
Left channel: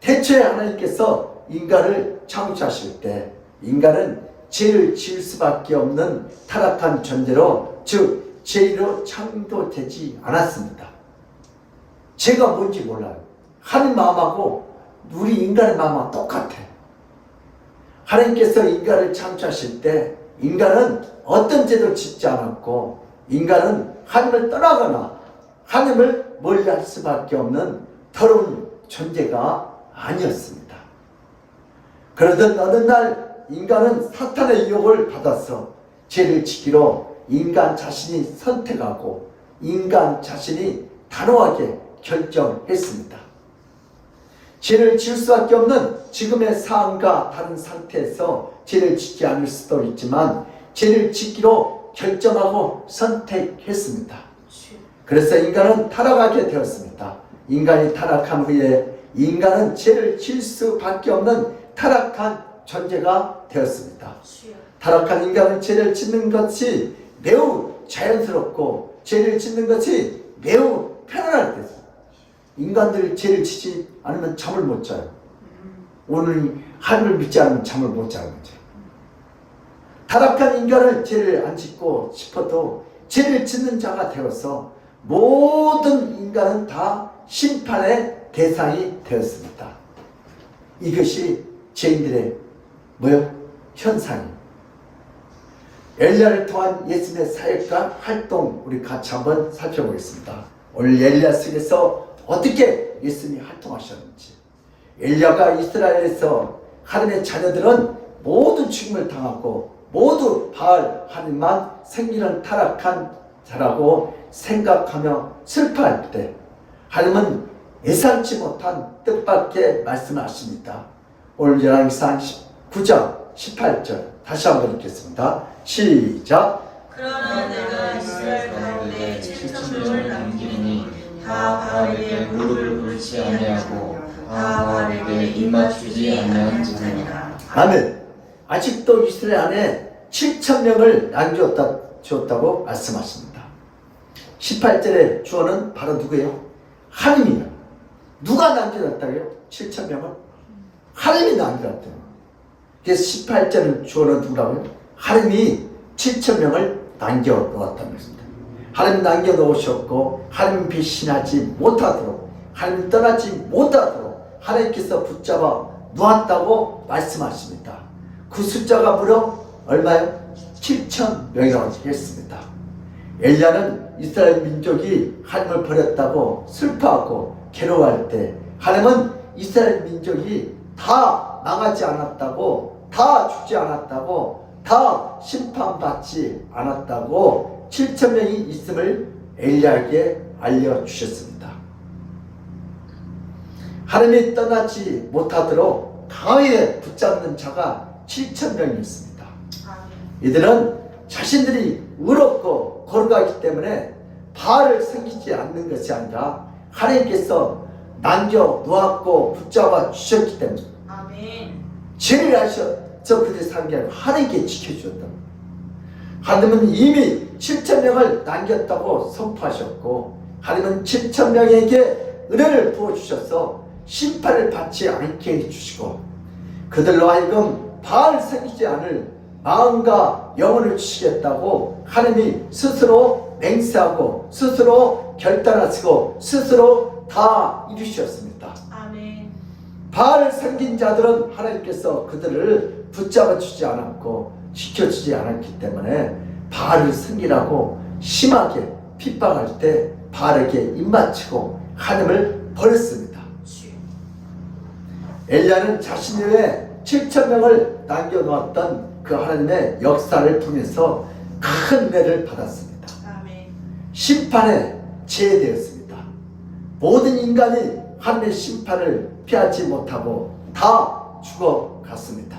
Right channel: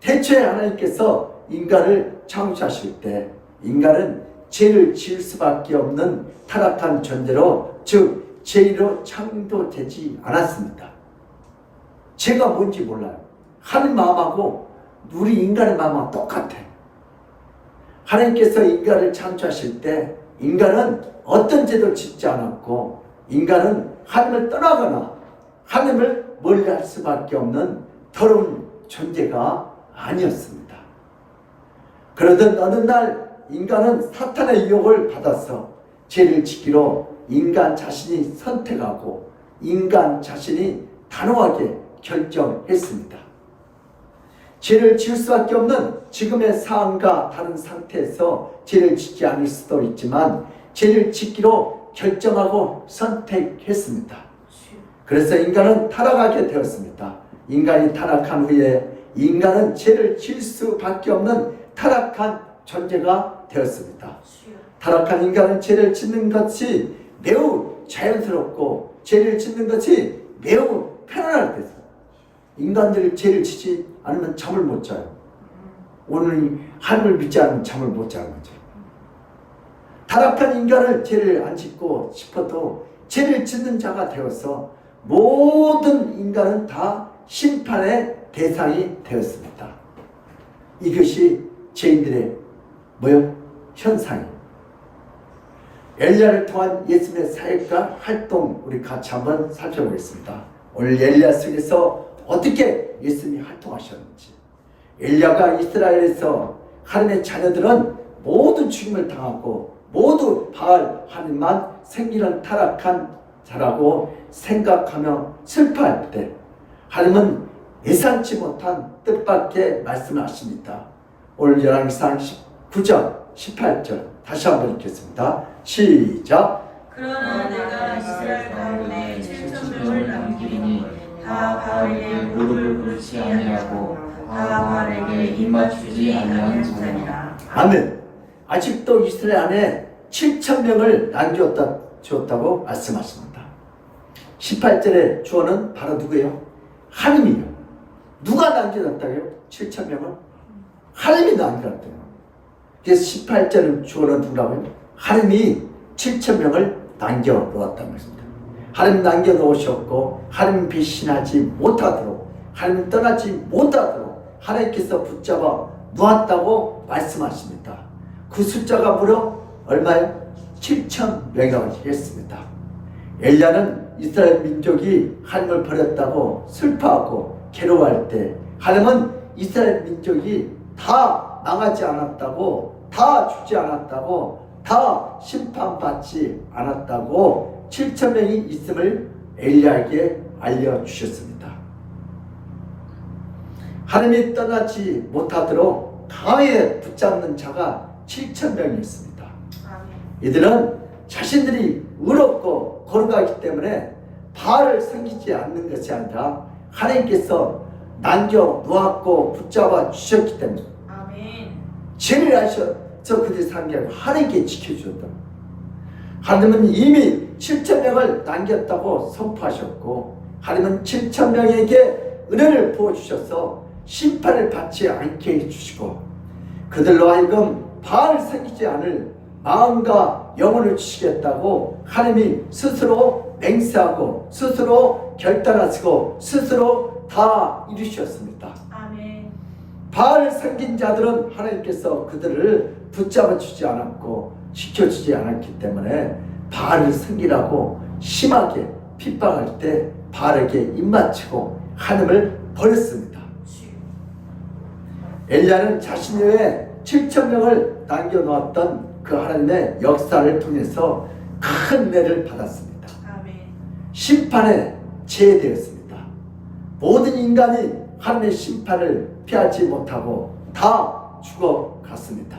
대체 하나님께서 인간을 창조하실 때 인간은 죄를 지을 수밖에 없는 타락한 존재로, 즉 죄로 창조되지 않았습니다. 죄가 뭔지 몰라요. 하나님 마음하고 우리 인간의 마음하고 똑같아요. 하나님께서 인간을 창조하실 때 인간은 어떤 죄도 짓지 않았고 인간은 하나님을 떠나거나 하나님을 멀리할 수밖에 없는 더러운 존재가 아니었습니다. 그러던 어느 날 인간은 사탄의 유혹을 받아서 죄를 지키러 인간 자신이 선택하고 인간 자신이 단호하게 결정했습니다. 죄를 지을 수밖에 없는 지금의 상황과 다른 상태에서 죄를 짓지 않을 수도 있지만 죄를 짓기로 결정하고 선택했습니다. 그래서 인간은 타락하게 되었습니다. 인간이 타락한 후에 인간은 죄를 지을 수밖에 없는 타락한 존재가 되었습니다. 타락한 인간은 죄를 짓는 것이 매우 자연스럽고 죄를 짓는 것이 매우 편안할 때죠. 인간들이 죄를 지지 않으면 잠을 못 자요. 오늘 하나님을 믿지 않으면 잠을 못 자는 거죠. 타락한 인간은 죄를 안 짓고 싶어도 죄를 짓는 자가 되어서 모든 인간은 다 심판의 대상이 되었습니다. 이것이 죄인들의 현상이에요. 엘리야를 통한 예수님의 사역과 활동 우리 같이 한번 살펴보겠습니다. 오늘 엘리야 속에서 어떻게 예수님이 활동하셨는지. 엘리야가 이스라엘에서 하나님의 자녀들은 모두 죽임을 당하고 모두 바알 하나님만 생기는 타락한 자라고 생각하며 슬퍼할 때 하나님은 예상치 못한 뜻밖의 말씀을 하십니다. 오늘 열왕기상 9장 18절 다시 한번 읽겠습니다. 시작. 그러나 내가 이스라엘 가운데 7,000명을 남기리니 다 바알에게 무릎을 꿇지 아니하고 다 바알에게 입맞추지 아니하는 자니라. 아멘. 아직도 이스라엘 안에 7,000명을 남겨주었다고 말씀하십니다. 18절의 주어는 바로 누구예요? 하나님이에요. 누가 남겨놨다고요? 7,000명을? 하나님이 남겨놨대요. 그래서 18절의 주어는 누구라고요? 하나님이 7,000명을 남겨놓았다는 것입니다. 하나님 남겨놓으셨고 하나님 배신하지 못하도록 하나님 떠나지 못하도록 하나님께서 붙잡아 놓았다고 말씀하십니다. 그 숫자가 무려 얼마요? 7,000명이라고 했습니다. 엘리야는 이스라엘 민족이 하나님을 버렸다고 슬퍼하고 괴로워할 때 하나님은 이스라엘 민족이 다 망하지 않았다고, 다 죽지 않았다고, 다 심판받지 않았다고 7,000명이 있음을 엘리야에게 알려주셨습니다. 하나님이 떠나지 못하도록 강하게 붙잡는 자가 7,000명이었습니다. 이들은 자신들이 의롭고 거룩하기 때문에 바알을 섬기지 않는 것이 아니라 하나님께서 남겨 놓았고 붙잡아 주셨기 때문에 죄를 하셔서 그들이 사는 게 아니라 하나님께 지켜주셨다. 하나님은 이미 7,000명을 남겼다고 선포하셨고 하나님은 7,000명에게 은혜를 부어주셔서 심판을 받지 않게 해주시고 그들로 하여금 바알 섬기지 않을 마음과 영혼을 주시겠다고 하나님이 스스로 맹세하고 스스로 결단하시고 스스로 다 이루셨습니다. 아멘. 바알을 섬긴 자들은 하나님께서 그들을 붙잡아 주지 않았고 지켜주지 않았기 때문에 바알을 섬기라고 심하게 핍박할 때 바알에게 입맞추고 하나님을 버렸습니다. 엘리야는 자신 외에 7,000명을 남겨놓았던 그 하나님의 역사를 통해서 큰 은혜를 받았습니다. 아멘. 심판에 제되었습니다. 모든 인간이 하나님의 심판을 피하지 못하고 다 죽어갔습니다.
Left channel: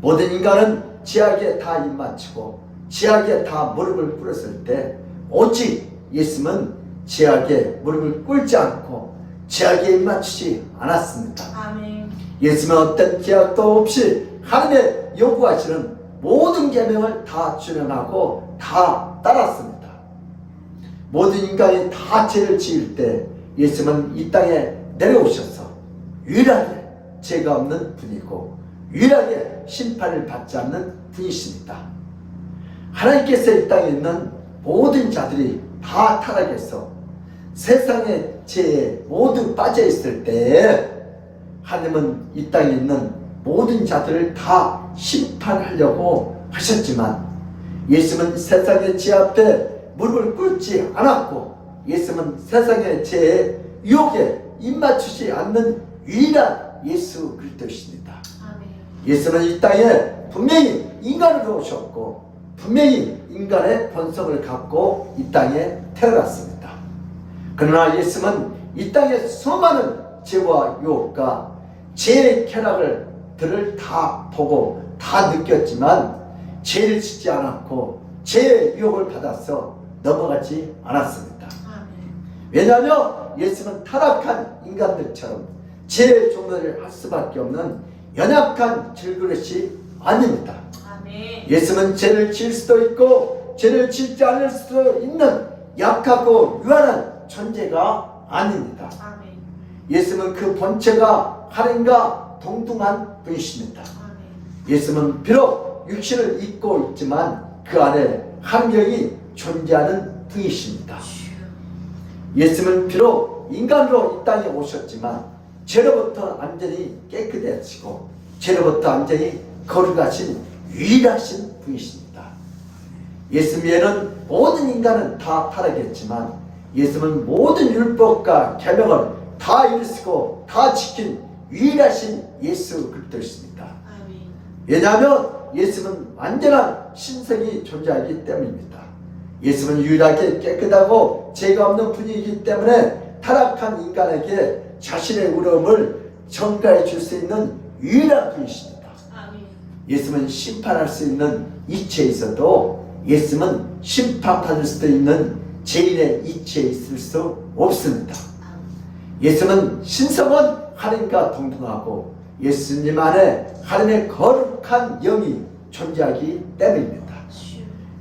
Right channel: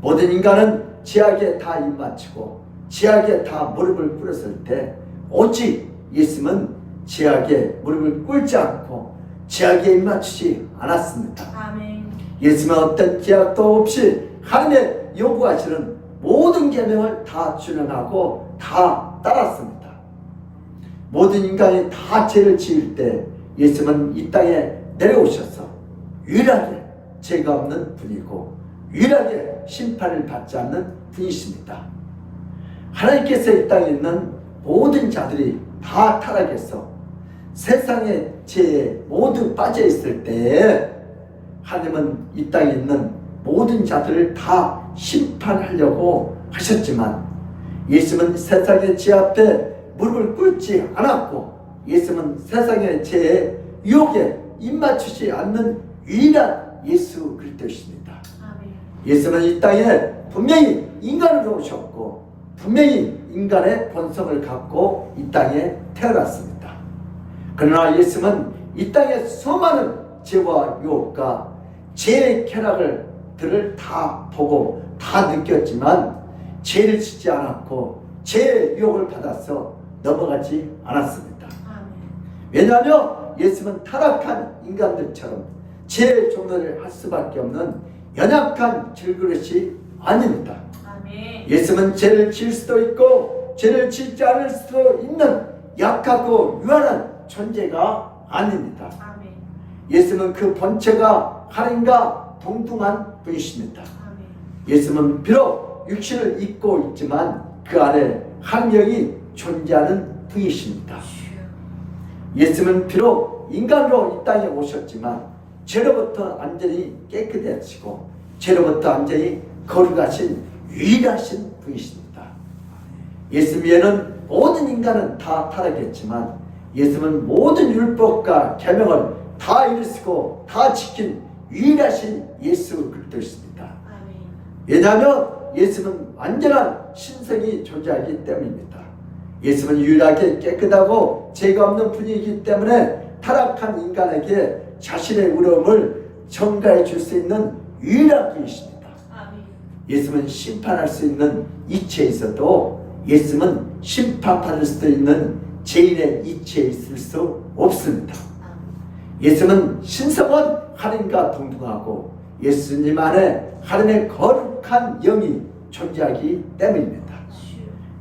모든 인간은 죄악에 다 입맞추고 죄악에 다 무릎을 꿇었을 때 오직 예수님은 죄악에 무릎을 꿇지 않고 죄악에 입맞추지 않았습니다. 아멘. 예수님은 어떤 죄악도 없이 하나님의 요구하시는 모든 계명을 다 준행하고 다 따랐습니다. 모든 인간이 다 죄를 지을 때 예수님은 이 땅에 내려오셔서 유일하게 죄가 없는 분이고 유일하게 심판을 받지 않는 분이십니다. 하나님께서 이 땅에 있는 모든 자들이 다 타락해서 세상의 죄에 모두 빠져 있을 때 하나님은 이 땅에 있는 모든 자들을 다 심판하려고 하셨지만 예수님은 세상의 죄 앞에 무릎을 꿇지 않았고 예수님은 세상의 죄에 유혹에 입맞추지 않는 유일한 예수 그리스도이십니다. 아멘. 예수는 이 땅에 분명히 인간으로 오셨고 분명히 인간의 본성을 갖고 이 땅에 태어났습니다. 그러나 예수는 이 땅에 수많은 죄와 유혹과 죄의 쾌락들을 다 보고 다 느꼈지만 죄를 짓지 않았고 죄의 유혹을 받아서 넘어가지 않았습니다. 아멘. 왜냐하면 예수는 타락한 인간들처럼 죄의 종로를 할 수밖에 없는 연약한 질그릇이 아닙니다. 아멘. 예수는 죄를 지을 수도 있고 죄를 짓지 않을 수도 있는 약하고 유한한 존재가 아닙니다. 아멘. 예수는 그 본체가 하나님과 동등한 분이십니다. 아멘. 예수는 비록 육신을 입고 있지만 그 안에 하나님이 존재하는 분이십니다. 예수는 비록 인간으로 이 땅에 오셨지만 죄로부터 완전히 깨끗해지고 죄로부터 완전히 거룩하신 유일하신 분이십니다. 예수 위에는 모든 인간은 다 타락했지만 예수는 모든 율법과 계명을 다 이루시고 다 지킨 유일하신 예수 그리스도이십니다. 아멘. 왜냐하면 예수는 완전한 신성이 존재하기 때문입니다. 예수는 유일하게 깨끗하고 죄가 없는 분이기 때문에 타락한 인간에게 자신의 의로움을 전가해 줄 수 있는 유일한 분이십니다. 아멘. 예수는 심판할 수 있는 이치에 있어도 예수는 심판받을 수도 있는 죄인의 이치에 있을 수 없습니다. 예수는 신성은 하나님과 동등하고 예수님 안에 하나님의 거룩한 영이 존재하기 때문입니다.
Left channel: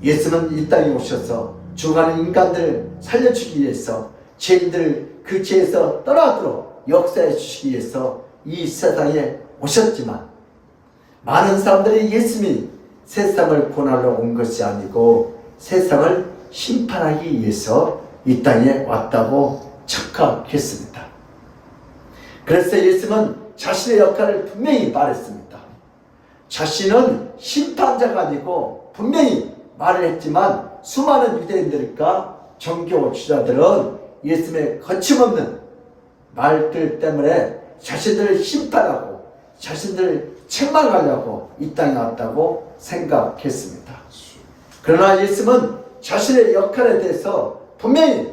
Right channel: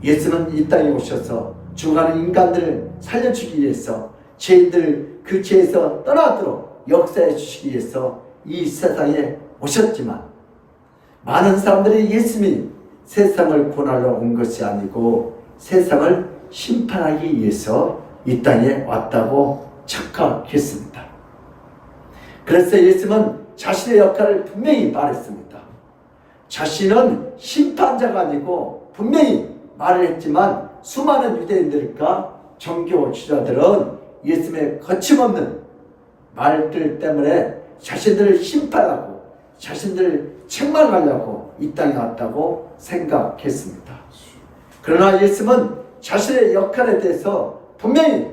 예수는 이 땅에 오셔서 죽어가는 인간들을 살려주기 위해서 죄인들을 그 죄에서 떠나도록 역사해 주시기 위해서 이 세상에 오셨지만 많은 사람들이 예수님이 세상을 구원하러 온 것이 아니고 세상을 심판하기 위해서 이 땅에 왔다고 착각했습니다. 그래서 예수님은 자신의 역할을 분명히 말했습니다. 자신은 심판자가 아니고 분명히 말을 했지만 수많은 유대인들과 종교 지도자들은 예수님의 거침없는 말들 때문에 자신들을 심판하고 자신들을 책망하려고 이 땅에 왔다고 생각했습니다. 그러나 예수님은 자신의 역할에 대해서 분명히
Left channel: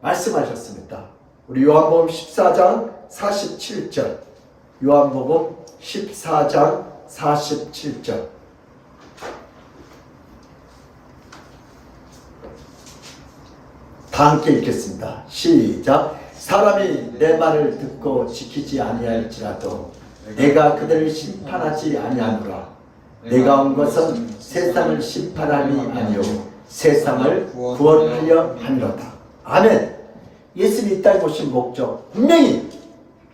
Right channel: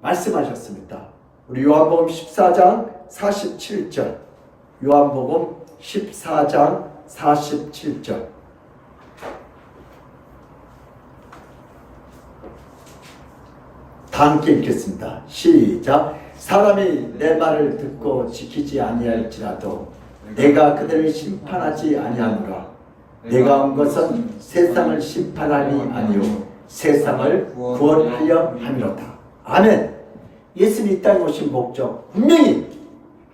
말씀하셨습니다. 우리 요한복음 14장 47절, 요한복음 14장 47절. 다 함께 읽겠습니다. 시작. 사람이 내 말을 듣고 지키지 아니할지라도 내가 그들을 심판하지 아니하노라. 내가 온 것은 세상을 심판함이 아니요 세상을 구원하려 함이로다. 아멘. 예수님이 이 땅에 오신 목적 분명히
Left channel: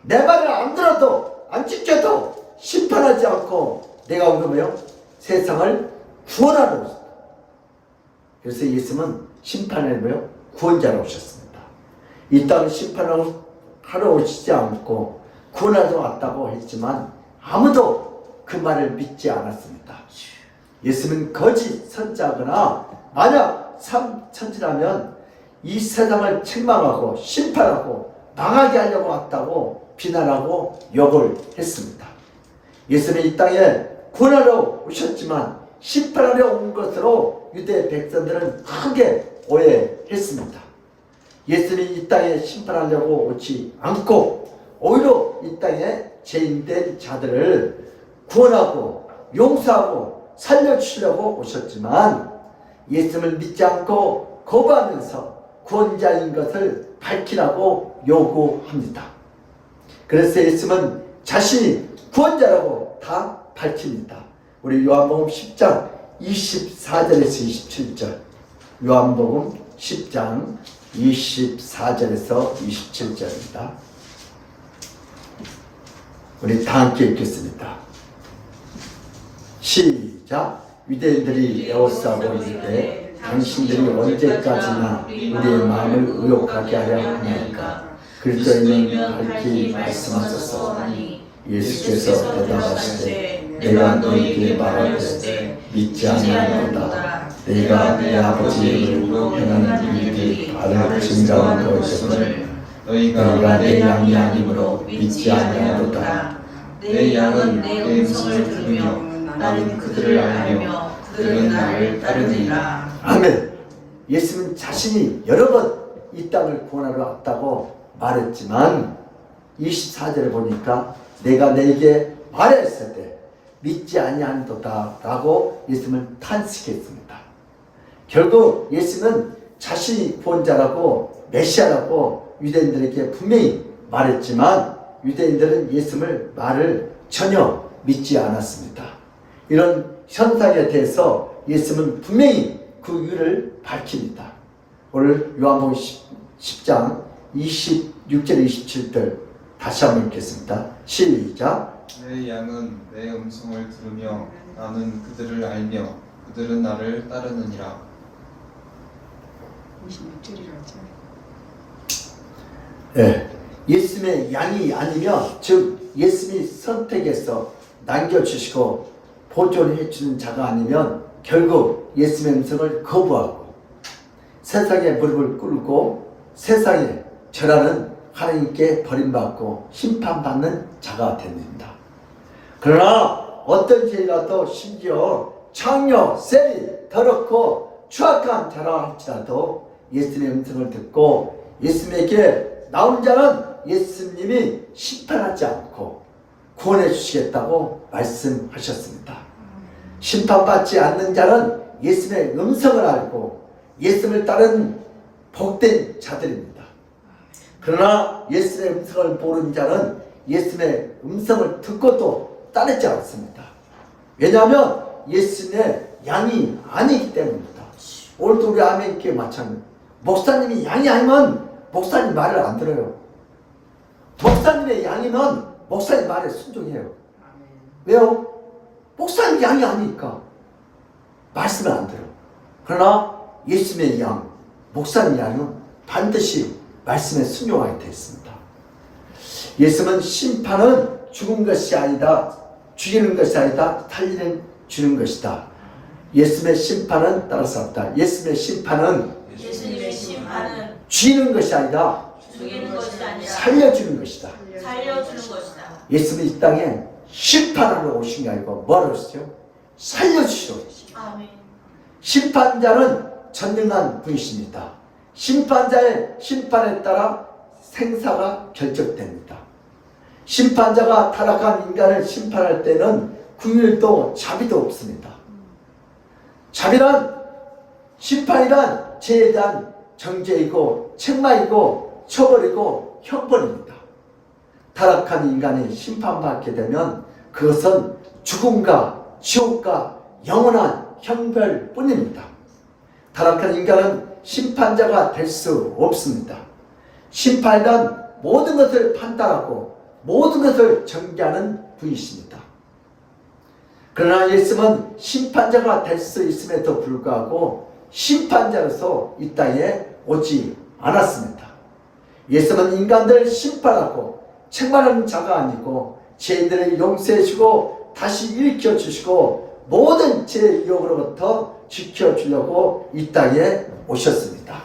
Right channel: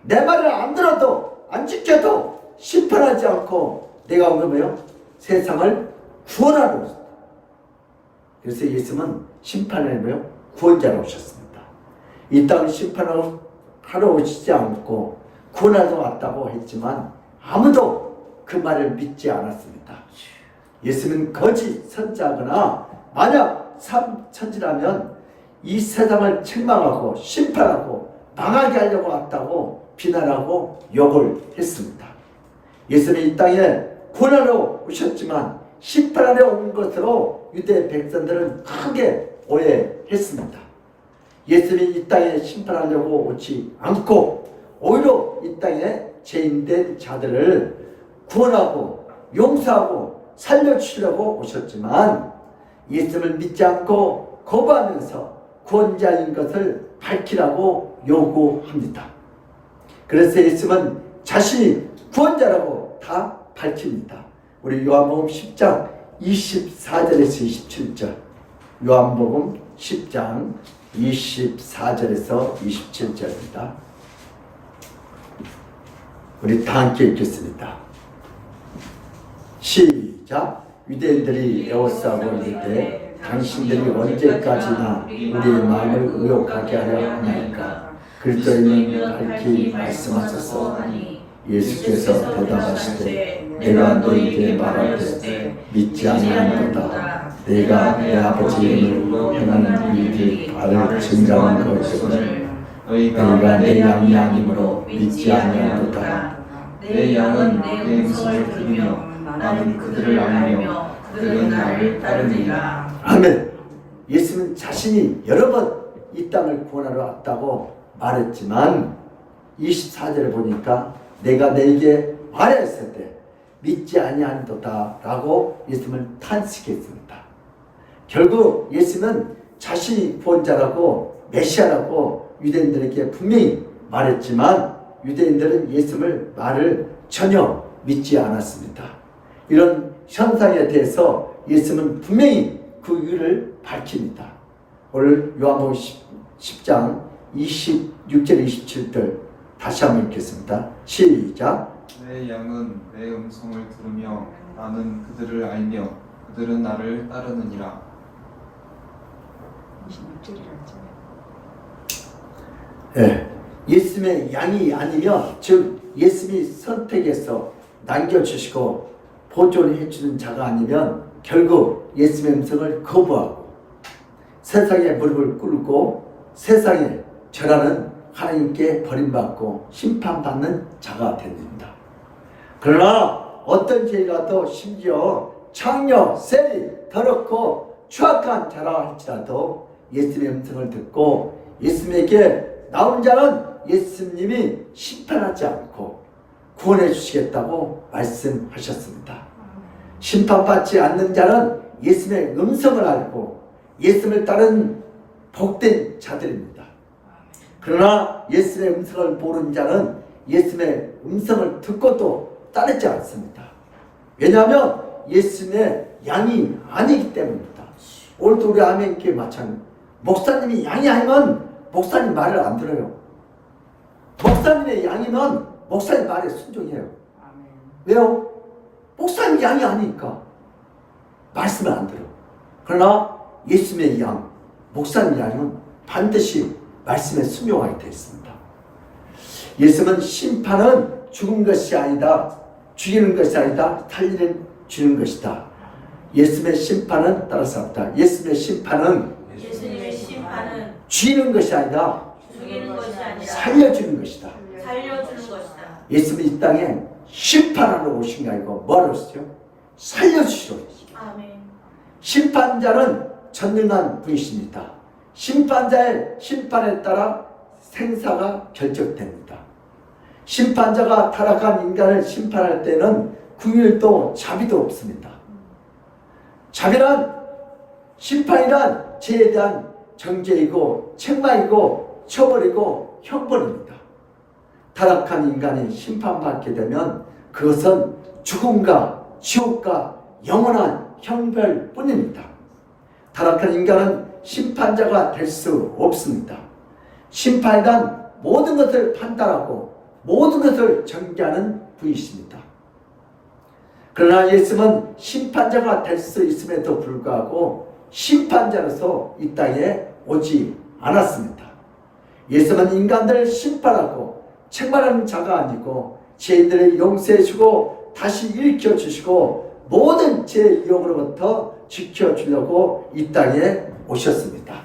내 말을 안 들어도 안 지켜도 심판하지 않고 내가 온 거면 세상을 구원하러 오셨다. 그래서 예수님은 심판하며 구원자로 오셨습니다. 이 땅을 심판하러 오시지 않고 구원하러 왔다고 했지만 아무도 그 말을 믿지 않았습니다. 예수는 거짓 선자거나 만약 참천지라면 이 세상을 책망하고 심판하고 망하게 하려고 왔다고 비난하고 욕을 했습니다. 예수는 이 땅에 구원하러 오셨지만 심판하러 온 것으로 유대 백성들은 크게 오해했습니다. 예수는 이 땅에 심판하려고 오지 않고 오히려 이 땅에 죄인된 자들을 구원하고 용서하고 살려주시려고 오셨지만 예수를 믿지 않고 거부하면서 구원자인 것을 밝히라고 요구합니다. 그래서 예수는 자신이 구원자라고 다 밝힙니다. 우리 요한복음 10장 24절에서 27절, 요한복음 10장 24절에서 27절입니다. 우리 다 함께 읽겠습니다. 시작. 유대인들이 에워싸고 이르되 당신들이 언제까지나 우리의 마음을 의혹하게 하려 하나이까. 그리스도인은 밝히 말씀하소서. 예수께서 대답하시되 내가 너희에게 말하였을 믿지 아니하는도다. 내가 내 아버지의 이름으로 행하는 일들이 나를 증거하는 것임을 너희가 내 양이 아니므로 믿지 아니하는도다. 내 양은 내 음성을 들으며 나는 그들을 알며 그들은 나를 따르리라. 아멘. 예수는 자신이 여러 번 이 땅을 구원하러 왔다고 말했지만 24절을 보니까 내가 너에게 말했을 때 믿지 아니한도다 라고 예수님은 탄식했습니다. 결국 예수는 자신이 구원자라고 메시아라고 유대인들에게 분명히 말했지만 유대인들은 예수님을 말을 전혀 믿지 않았습니다. 이런 현상에 대해서 예수님은 분명히 그 이유를 밝힙니다. 오늘 요한복음 10장 26절 27절 다시 한번 읽겠습니다. 시작. 내 양은 내 음성을 들으며 나는 그들을 알며 그들은 나를 따르느니라. 26절이라죠. 네. 예수님의 양이 아니면 즉 예수님이 선택해서 남겨주시고 보존해 주는 자가 아니면 결국 예수님의 음성을 거부하고 세상에 무릎을 꿇고 세상에 절하는 하나님께 버림받고 심판받는 자가 됩니다. 그러나 어떤 죄라도 심지어 창녀, 세리, 더럽고 추악한 자라 할지라도 예수님의 음성을 듣고 예수님에게 나온 자는 예수님이 심판하지 않고 구원해 주시겠다고 말씀하셨습니다. 심판받지 않는 자는 예수님의 음성을 알고 예수님을 따른 복된 자들입니다. 그러나 예수님의 음성을 모르는 자는 예수님의 음성을 듣고도 따르지 않습니다. 왜냐하면 예수님의 양이 아니기 때문입니다. 오늘도 우리 아멘께 마찬가지. 목사님이 양이 아니면 목사님 말을 안 들어요. 목사님의 양이면 목사님 말에 순종해요. 왜요? 목사님 양이 아니니까 말씀을 안 들어. 그러나 예수님의 양, 목사님 양은 반드시 말씀에 순종하게 되어 있습니다. 예수님은 심판은 죽은 것이 아니다, 죽이는 것이 아니다, 살리는 주는 것이다. 예수님의 심판은 따를 수 없다. 예수님의 심판은 죽이는 것이 아니다, 살려주는 것이다. 예수님은 이 땅에 심판하러 오신 게 아니고 뭐하러 오시죠? 살려주시러 오시죠. 심판자는 전능한 분이십니다. 심판자의 심판에 따라 생사가 결정됩니다. 심판자가 타락한 인간을 심판할 때는 긍휼도 자비도 없습니다. 자비란 심판이란 죄에 대한 정죄이고 책망이고 처벌이고 형벌입니다. 타락한 인간이 심판받게 되면 그것은 죽음과 지옥과 영원한 형벌뿐입니다. 타락한 인간은 심판자가 될 수 없습니다. 심판이란 모든 것을 판단하고 모든 것을 정죄하는 분이십니다. 그러나 예수님은 심판자가 될 수 있음에도 불구하고 심판자로서 이 땅에 오지 않았습니다. 예수는 인간들을 심판하고 책망하는 자가 아니고 죄인들을 용서해 주고 다시 일으켜 주시고 모든 죄의 유혹으로부터 지켜주려고 이 땅에 오셨습니다.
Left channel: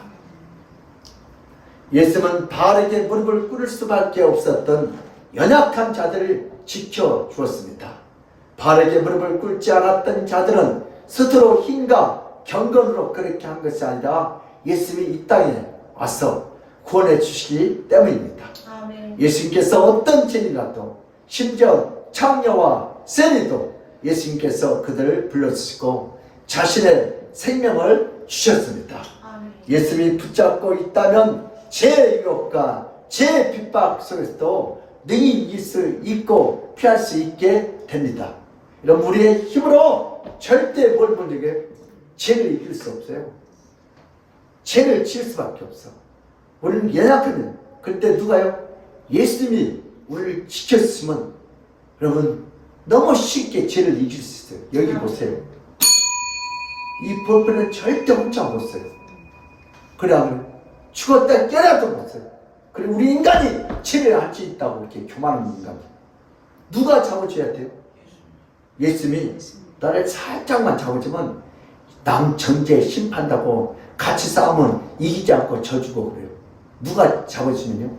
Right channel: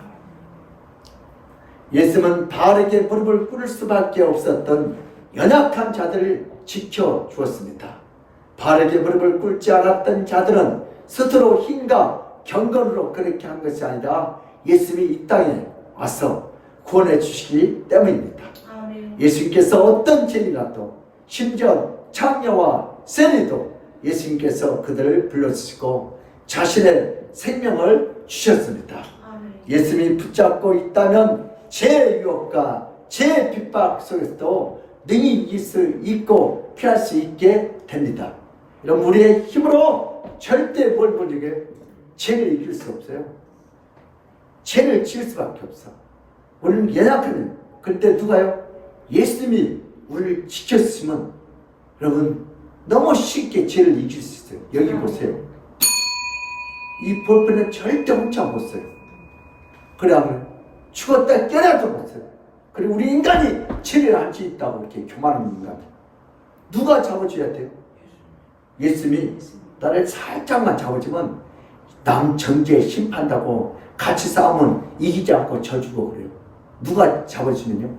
예수는 바알에게 무릎을 꿇을 수밖에 없었던 연약한 자들을 지켜주었습니다. 바알에게 무릎을 꿇지 않았던 자들은 스스로 힘과 경건으로 그렇게 한 것이 아니라 예수님이 이 땅에 와서 구원해 주시기 때문입니다. 아멘. 예수님께서 어떤 죄인이라도 심지어 창녀와 세리도 예수님께서 그들을 불러주시고 자신의 생명을 주셨습니다. 아멘. 예수님이 붙잡고 있다면 죄의 유혹과 죄의 핍박 속에서도 능히 이길 수 있고 피할 수 있게 됩니다. 이런 우리의 힘으로 절대 뭘 못이게 죄를 이길 수 없어요. 죄를 지을 수밖에 없어. 우리는 연약하면 그때 누가요? 예수님이 우리를 지켰으면 여러분 너무 쉽게 죄를 이길 수 있어요. 여기 보세요. 이 볼펜은 절대 훔쳐 못 써요. 그래 안 그래? 죽었다 깨어나도 못 써요. 그리고 우리 인간이 죄를 할 수 있다고 이렇게 교만하는 인간. 누가 잡아줘야 돼요? 예수님이 나를 살짝만 잡아주면 남 전제 심판다고 같이 싸우면 이기지 않고 져주고 그래요. 누가 잡아주면요?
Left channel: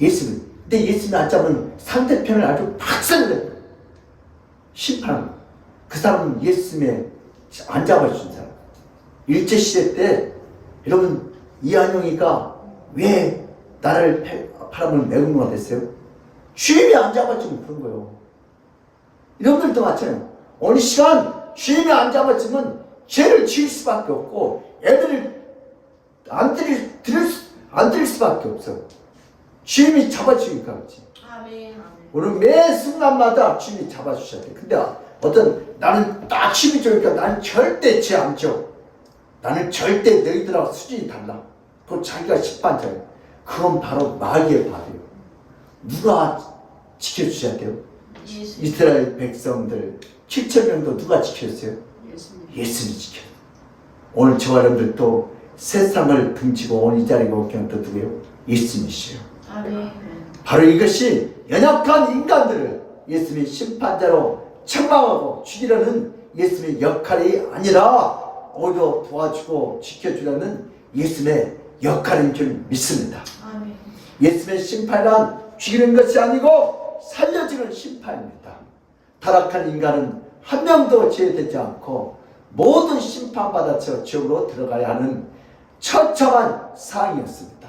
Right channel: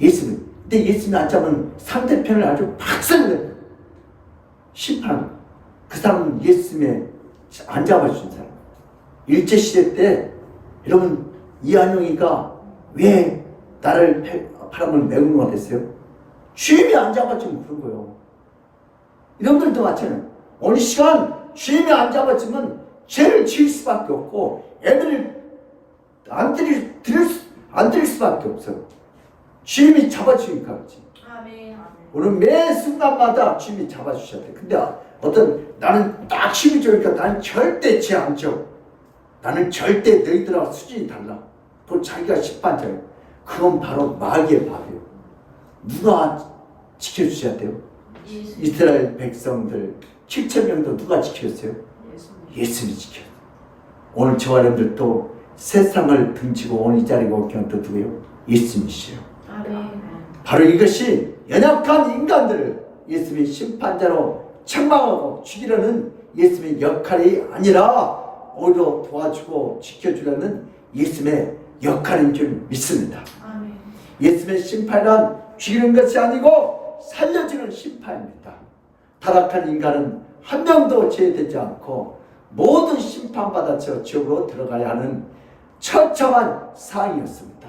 예수님. 근데 예수님이 안 잡으면 상대편을 아주 박살내요. 심판. 그 사람은 예수님의 안 잡아준 사람. 일제시대 때 여러분 이한용이가 왜 나를 바람을 매국노가 됐어요? 주임이 안 잡아주면 그런 거예요. 여러분들도 마찬가지예요. 어느 시간 주임이 안 잡아주면 죄를 지을 수밖에 없고 애들을 안 들일 수밖에 없어요. 주임이 잡아주니까 그렇지. 아멘. 오늘 매 순간마다 주임이 잡아주셔야 돼. 근데 어떤 나는 딱 힘이 좋으니까 나는 절대 죄 안 져. 나는 절대 너희들하고 수준이 달라. 또 자기가 심판자예요. 그건 바로 마귀의 밥이에요. 누가 지켜주셔야 돼요? 이스라엘 백성들 7,000명도 누가 지켰어요? 예수님이 지켜요. 오늘 저와 여러분들도 세상을 등지고 온 이 자리에 온 경도 누구예요? 예수님이시요. 아멘. 바로 이것이 연약한 인간들을 예수님이 심판자로 책망하고 죽이려는 예수님의 역할이 아니라 오히려 도와주고 지켜주려는 예수님의 역할인 줄 믿습니다. 아멘. 예수님의 심판은 죽이는 것이 아니고 살려주는 심판입니다. 타락한 인간은 한 명도 제외되지 않고 모든 심판받아서 지옥으로 들어가야 하는 처참한 상황이었습니다.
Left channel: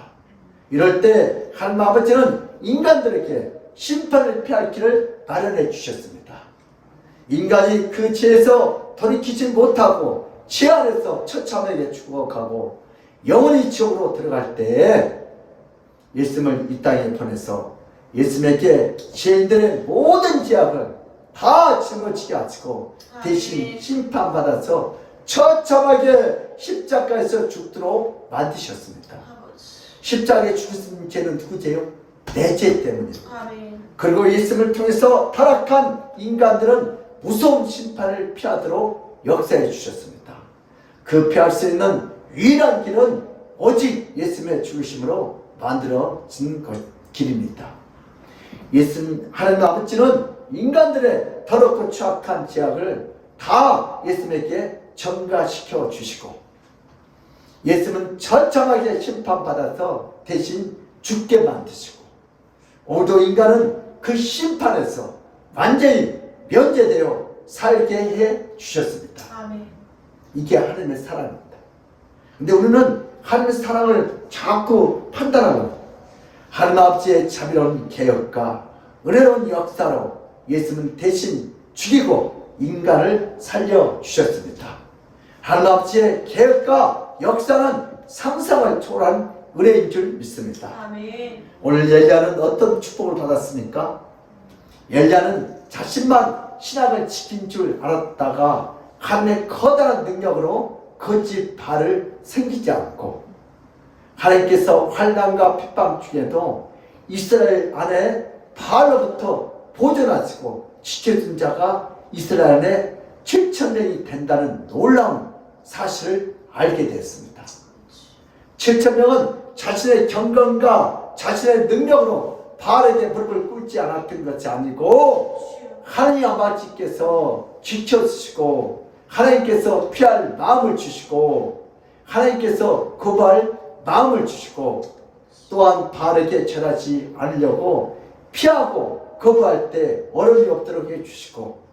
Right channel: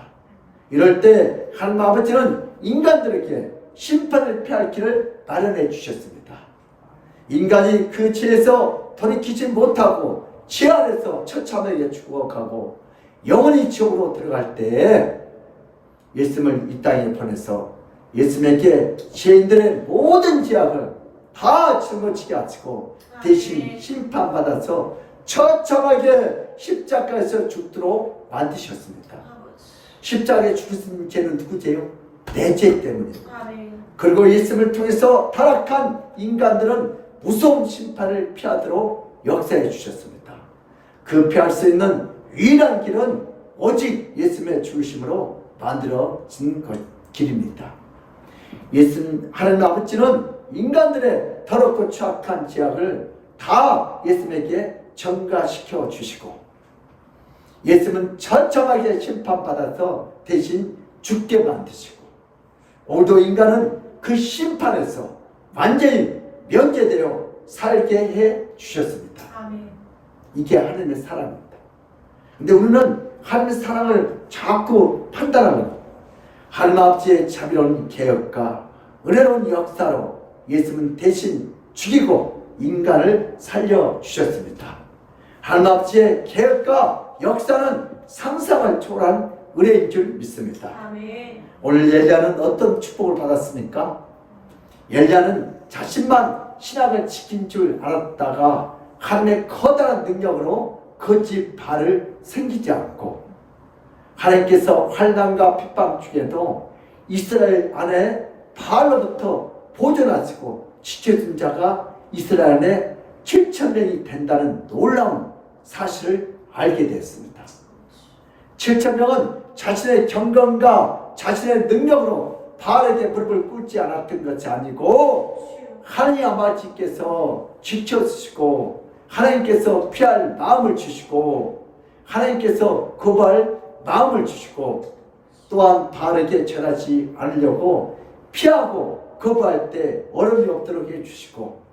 이럴 때 하나님 아버지는 인간들에게 심판을 피할 길을 마련해 주셨습니다. 인간이 그 죄에서 돌이키지 못하고 죄 안에서 처참하게 죽어가고 영원히 지옥으로 들어갈 때 예수님을 이 땅에 보내서 예수님에게 죄인들의 모든 죄악을 다 짊어지게 하시고 대신 심판받아서 처참하게 십자가에서 죽도록 만드셨습니다. 십자가에 죽으신 죄는 누구 죄요? 내 죄 때문이에요. 아멘. 그리고 예수님을 통해서 타락한 인간들은 무서운 심판을 피하도록 역사해 주셨습니다. 그 피할 수 있는 유일한 길은 오직 예수님의 죽으심으로 만들어진 길입니다. 예수님 하나님 아버지는 인간들의 더럽고 추악한 죄악을 다 예수님에게 전가시켜 주시고 예수님은 처참하게 심판받아서 대신 죽게 만드시고 오늘도 인간은 그 심판에서 완전히 면제되어 살게 해 주셨습니다. 아멘. 이게 하나님의 사랑입니다. 근데 우리는 하나님의 사랑을 자꾸 판단하고 하나님 아버지의 자비로운 개혁과 은혜로운 역사로 예수님은 대신 죽이고 인간을 살려주셨습니다. 하나님 아버지의 개혁과 역사는 상상을 초월한 은혜인 줄 믿습니다. 아멘. 오늘 엘리야는 어떤 축복을 받았습니까? 엘리야는 자신만 신앙을 지킨 줄 알았다가 하나님의 커다란 능력으로 거짓 발을 생기지 않고 하나님께서 환난과 핍박 중에도 이스라엘 안에 바알로부터 보존하시고 지켜준 자가 이스라엘 안에 7,000명이 된다는 놀라운 사실을 알게 됐습니다. 7,000명은 자신의 경건과 자신의 능력으로 바알에게 무릎을 꿇지 않았던 것이 아니고 하나님 아버지께서 지켜주시고 하나님께서 피할 마음을 주시고 하나님께서 거부할 마음을 주시고 또한 바알에게 절하지 않으려고 피하고 거부할 때 어려움이 없도록 해주시고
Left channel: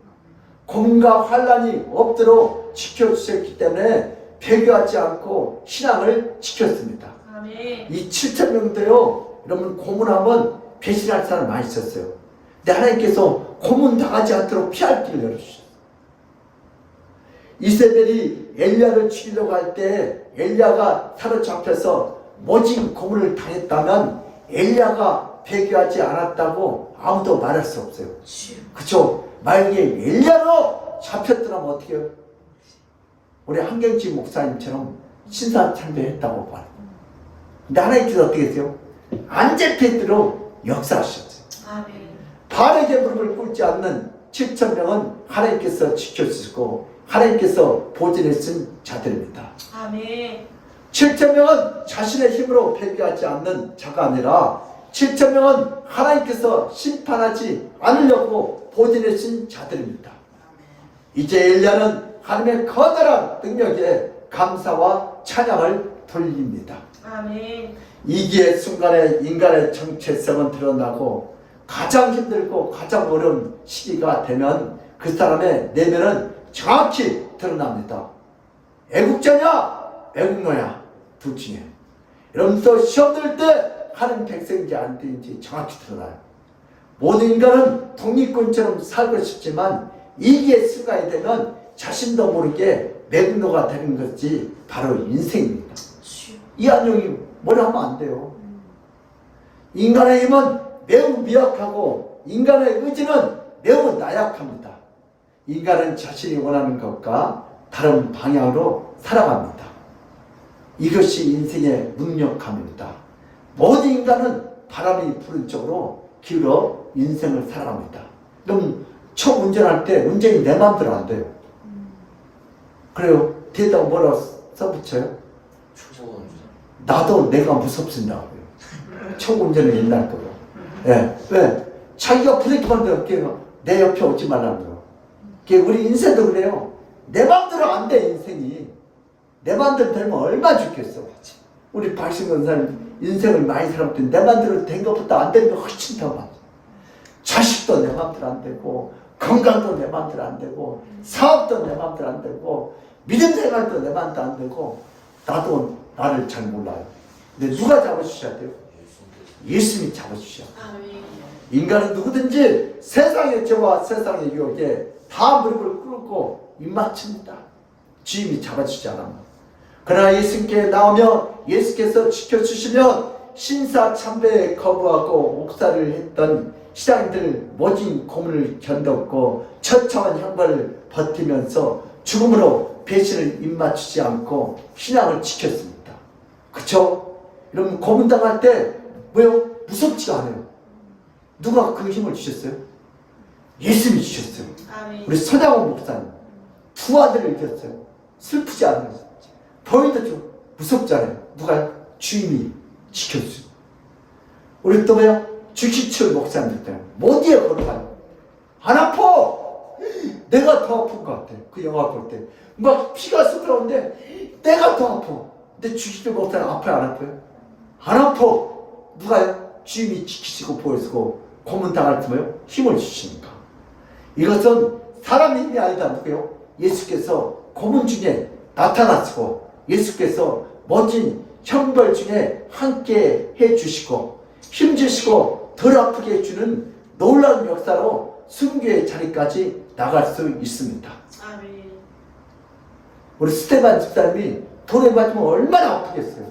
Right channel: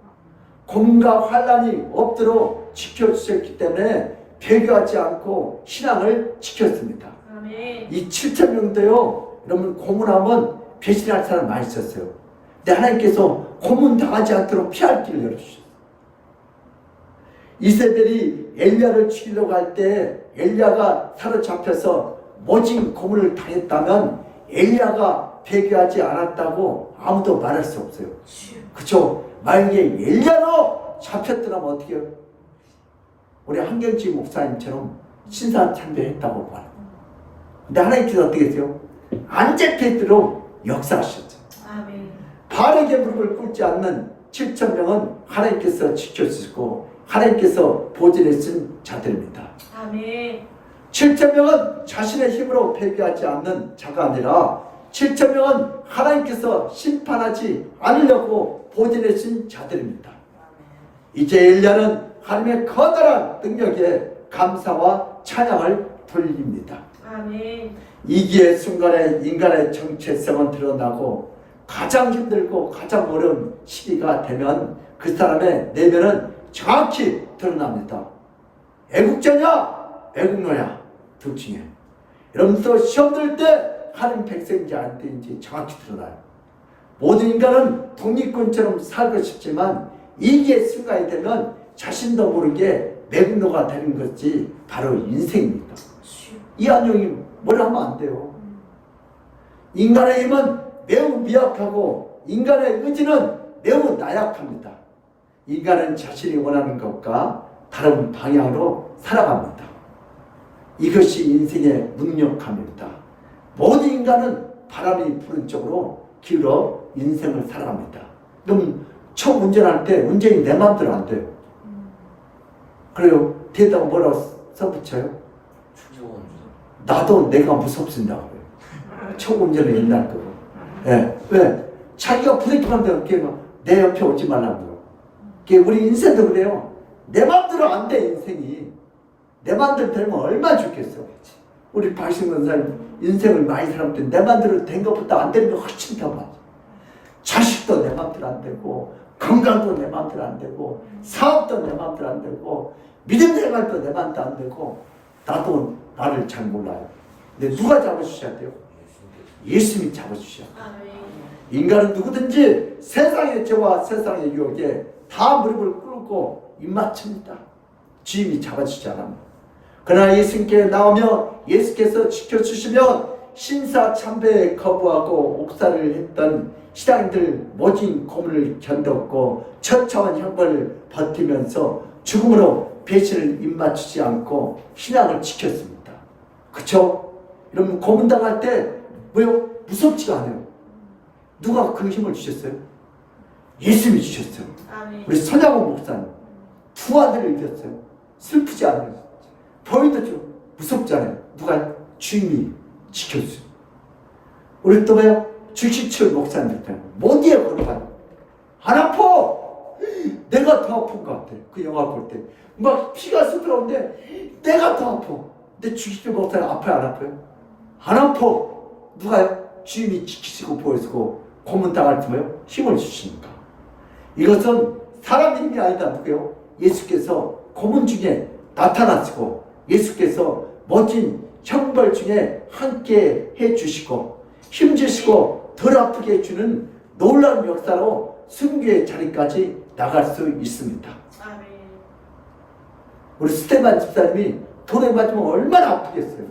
고문과 환난이 없도록 지켜주셨기 때문에 배교하지 않고 신앙을 지켰습니다. 아멘. 이 7,000명도요 여러분 고문하면 배신할 사람 많이 있었어요. 근데 하나님께서 고문 당하지 않도록 피할 길을 열어주셨어요. 이세벨이 엘리야를 죽이려고 할 때 엘리야가 사로잡혀서 모진 고문을 당했다면 엘리야가 배교하지 않았다고 아무도 말할 수 없어요. 그쵸? 만약에 엘리야로 잡혔더라면 어떻게 해요? 우리 한경지 목사님처럼 신사참배했다고 말해요. 근데 하나님께서 어떻게 했어요? 안 잡히도록 역사하셨죠. 아멘. 바알에게 무릎을 꿇지 않는 7,000명은 하나님께서 지켜주시고 하나님께서 보존해 쓴 자들입니다. 아멘. 7,000명은 자신의 힘으로 배교하지 않는 자가 아니라 7,000명은 하나님께서 심판하지 않으려고 보존해 쓴 자들입니다. 이제 엘리야는 하나님의 커다란 능력에 감사와 찬양을 돌립니다. 아멘. 이기의 순간에 인간의 정체성은 드러나고 가장 힘들고 가장 어려운 시기가 되면 그 사람의 내면은 정확히 드러납니다. 애국자냐 애국노야 둘 중에 여러분도 시험 들 때 하나님 백성인지 아닌지 정확히 드러나요. 모든 인간은 독립군처럼 살고 싶지만 이기의 순간이 되면 자신도 모르게 매국노가 되는 것이 바로 인생입니다. 이 안녕이 뭐라 하면 안 돼요. 인간의 힘은 매우 미약하고 인간의 의지는 매우 나약합니다. 인간은 자신이 원하는 것과 다른 방향으로 살아갑니다. 이것이 인생의 무력함입니다. 모든 인간은 바람이 부는 쪽으로 기울어 인생을 살아갑니다. 그럼 차 운전할 때 운전이 내 마음대로 안 돼요. 그래요. 뒤에다가 뭐라고 써붙여요? 나도 내가 무섭습니다. 차 운전을 옛날 거예요. 예. 왜? 자기가 브레이크만 되면 내 옆에 오지 말라고요. 우리 인생도 그래요. 내 마음대로 안 돼, 인생이. 내 마음대로 되면 얼마나 좋겠어. 우리 박신권사님 인생을 많이 살았더니 내 마음대로 된 것보다 안 되는 거 훨씬 더 많아. 자식도 내 마음대로 안 되고 건강도 내 마음대로 안 되고 사업도 내 마음대로 안 되고 믿음 생활도 내 마음대로 안 되고 나도 나를 잘 몰라요. 근데 누가 잡아주셔야 돼요? 예수님이 잡아주셔야 돼요. 인간은 누구든지 세상의 죄와 세상의 유혹에 다 무릎을 꿇고 입맞춥니다. 주님이 잡아주지 않습니다. 그러나 예수님께 나오면 예수께서 지켜주시면 신사참배에 거부하고 옥살이를 했던 신앙인들 모진 고문을 견뎠고 처참한 형벌을 버티면서 죽음으로 배신을 입맞추지 않고 신앙을 지켰습니다. 그쵸? 여러분 고문당할 때 뭐요? 무섭지가 않아요. 누가 그 힘을 주셨어요? 예수님이 주셨어요. 아멘. 우리 손양원 목사님 두 아들을 잃었어요. 슬프지 않아요. 보이도 좀 무섭잖아요. 누가? 주님이 지켜주세요. 우리 또 뭐야? 주시철 목사님들 어디에 걸어가요? 안 아파. 내가 더 아픈 것 같아. 그 영화 볼 때 막 피가 쏟아오는데 내가 더 아파. 근데 주시철 목사님 아파요 안 아파요? 안 아파. 누가요? 주님이 지키시고 보여주고 고문당할 때 뭐요? 힘을 주시니까. 이것은 사람의 힘이 아니다. 누구요? 예수께서 고문 중에 나타나시고 예수께서 멋진 형벌 중에 함께 해주시고 힘주시고 덜 아프게 해주는 놀라운 역사로 순교의 자리까지 나갈 수 있습니다. 아멘. 우리 스테반 집사님이 돌에 맞으면 얼마나 아프겠어요.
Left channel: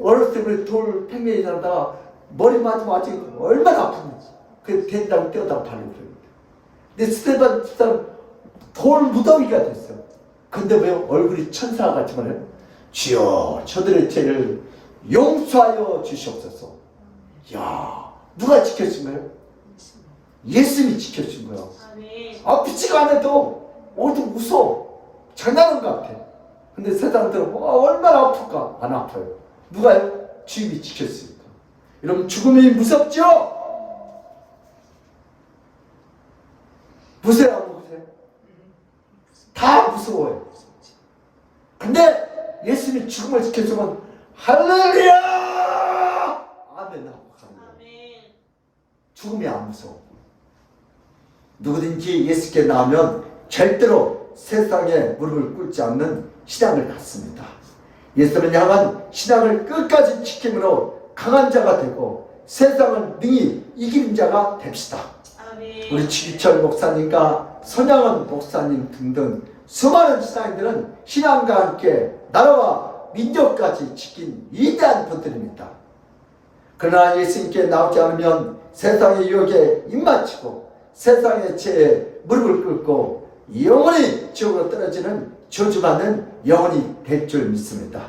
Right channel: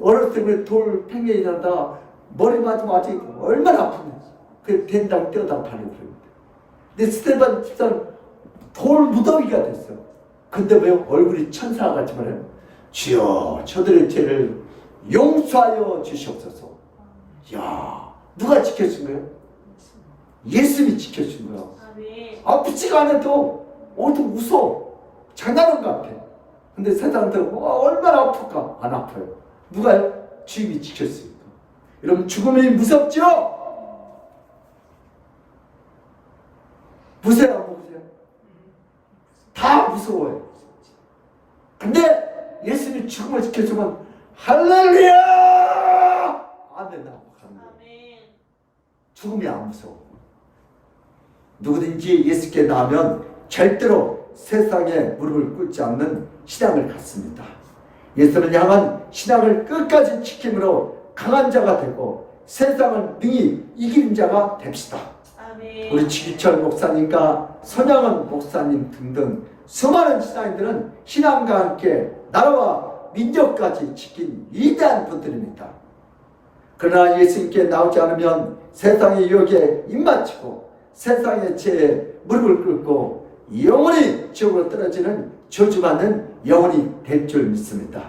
어렸을 때 돌 팽매이 나다가 머리 맞으면 아직 얼마나 아픈지. 그 된다고 뛰어다가 발로 그래요. 근데 스테반 집사는 돌 무더기가 됐어요. 근데 왜 얼굴이 천사같이 말해요? 주여 저들의 죄를 용서하여 주시옵소서. 야 누가 지켜준 거예요? 예수님이 지켜준 거예요. 아멘. 아프지가 않아도 어디 웃어. 장난한 것 같아. 근데 세상들은 얼마나 아플까? 안 아파요. 누가? 주님이 지켰으니까. 여러분, 죽음이 무섭죠? 무서워요, 안 무서워요? 다 무서워요. 근데 예수님이 죽음을 지켜주면 할렐루야! 아멘 하고 가는 거예요. 죽음이 안 무서워. 누구든지 예수께 나오면 절대로 세상에 무릎을 꿇지 않는 신앙을 갖습니다. 예수를 향한 신앙을 끝까지 지킴으로 강한 자가 되고 세상을 능히 이기는 자가 됩시다. 우리 지기철 목사님과 손양원 목사님 등등 수많은 신앙인들은 신앙과 함께 나라와 민족까지 지킨 위대한 분들입니다. 그러나 예수님께 나오지 않으면 세상의 유혹에 입맞추고 세상의 죄에 무릎을 꿇고 영원히 지옥으로 떨어지는 저주받는 영혼이 될 줄 믿습니다.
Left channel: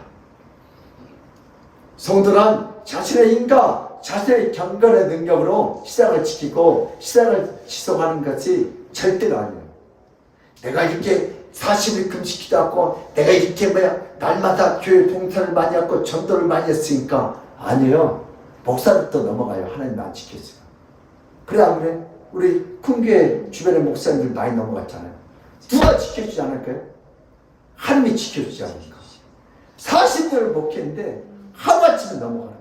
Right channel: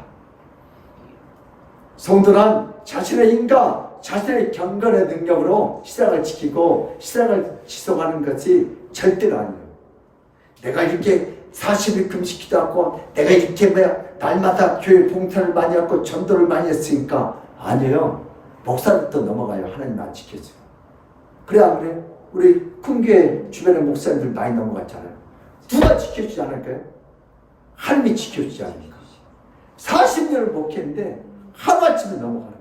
성도는 자신의 힘과 자신의 경건의 능력으로 신앙을 지키고 신앙을 지속하는 것이 절대로 아니에요. 내가 이렇게 40일 금식기도 하고 내가 이렇게 날마다 교회 봉사를 많이 하고 전도를 많이 했으니까 아니에요. 목사부터 넘어가요. 하나님 안 지켜주고. 그래 안 그래? 우리 큰 교회 주변에 목사님들 많이 넘어갔잖아요. 누가 지켜주지 않을까요? 하나님이 지켜주지 않을까. 40년을 목회했는데 하루아침에 넘어가는 거예요.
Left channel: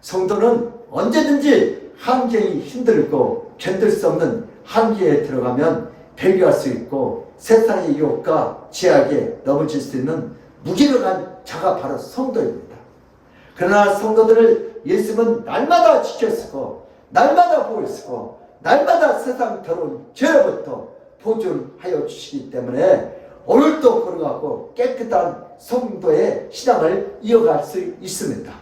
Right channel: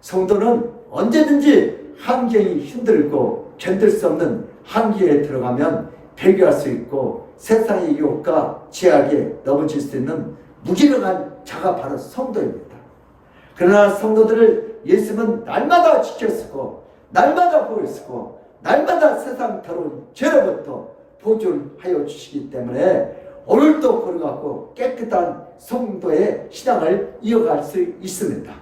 성도는 언제든지 환경이 힘들고 견딜 수 없는 한계에 들어가면 배교할 수 있고 세상의 유혹과 제약에 넘어질 수 있는 무기력한 자가 바로 성도입니다. 그러나 성도들을 예수님은 날마다 지켰고 날마다 보였고 날마다 세상 더러운 죄로부터 보존하여 주시기 때문에 오늘도 걸어가고 깨끗한 성도의 신앙을 이어갈 수 있습니다.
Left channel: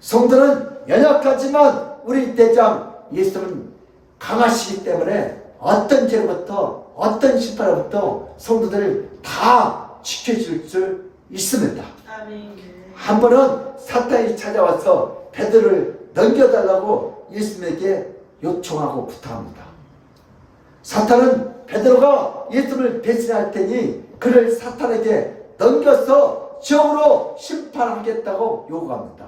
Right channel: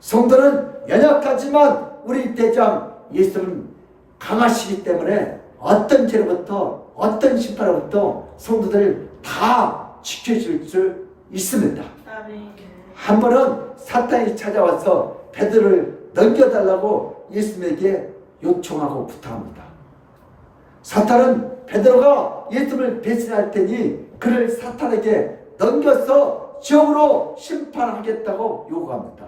성도는 연약하지만 우리 대장 예수님은 강하시기 때문에 어떤 죄로부터 어떤 심판으로부터 성도들을 다 지켜줄 수 있습니다. 한 번은 사탄이 찾아와서 베드로를 넘겨달라고 예수님에게 요청하고 부탁합니다. 사탄은 베드로가 예수님을 배신할 테니 그를 사탄에게 넘겨서 지옥으로 심판하겠다고 요구합니다.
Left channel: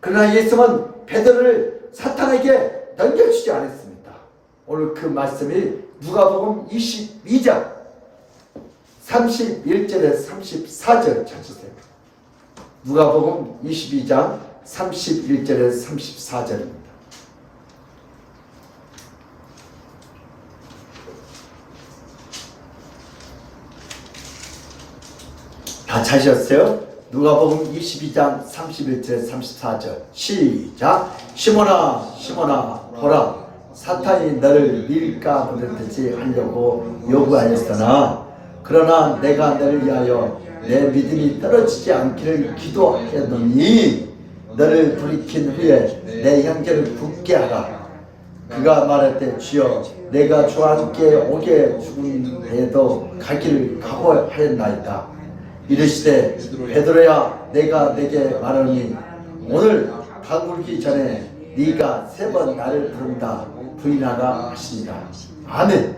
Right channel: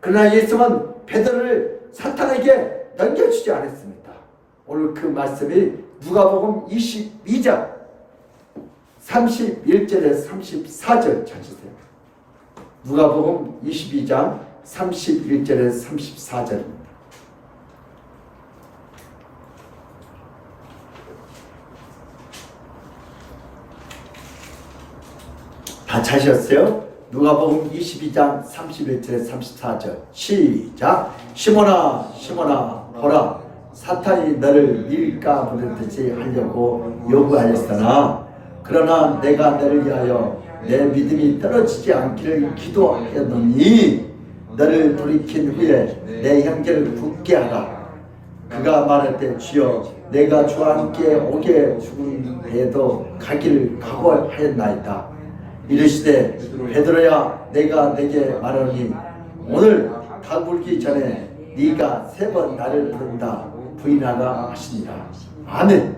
그러나 예수님은 베드로를 사탄에게 넘겨주지 않았습니다. 오늘 그 말씀이 누가복음 22장 31절에서 34절 찾으세요. 누가복음 22장 31절에서 34절입니다. 다 찾으셨어요? 누가복음 22장 31절에서 34절 시작. 시몬아 시몬아 보라 사탄이 너를 밀가 부르듯이 하려고 요구하였으나 그러나 내가 너를 위하여 내 믿음이 떨어지지 않기를 기도하였노니 너를 돌이킨 후에 내 형제를 붙게 하라. 그가 말할 때 주여 내가 주와 함께 오게 죽은 배에도 가기를 각오하였나이다. 이르시되 베드로야 내가 내게 말하노니 오늘 가굴기 전에 네가 3번 나를 부른다 부인하라 하시니라. 아멘.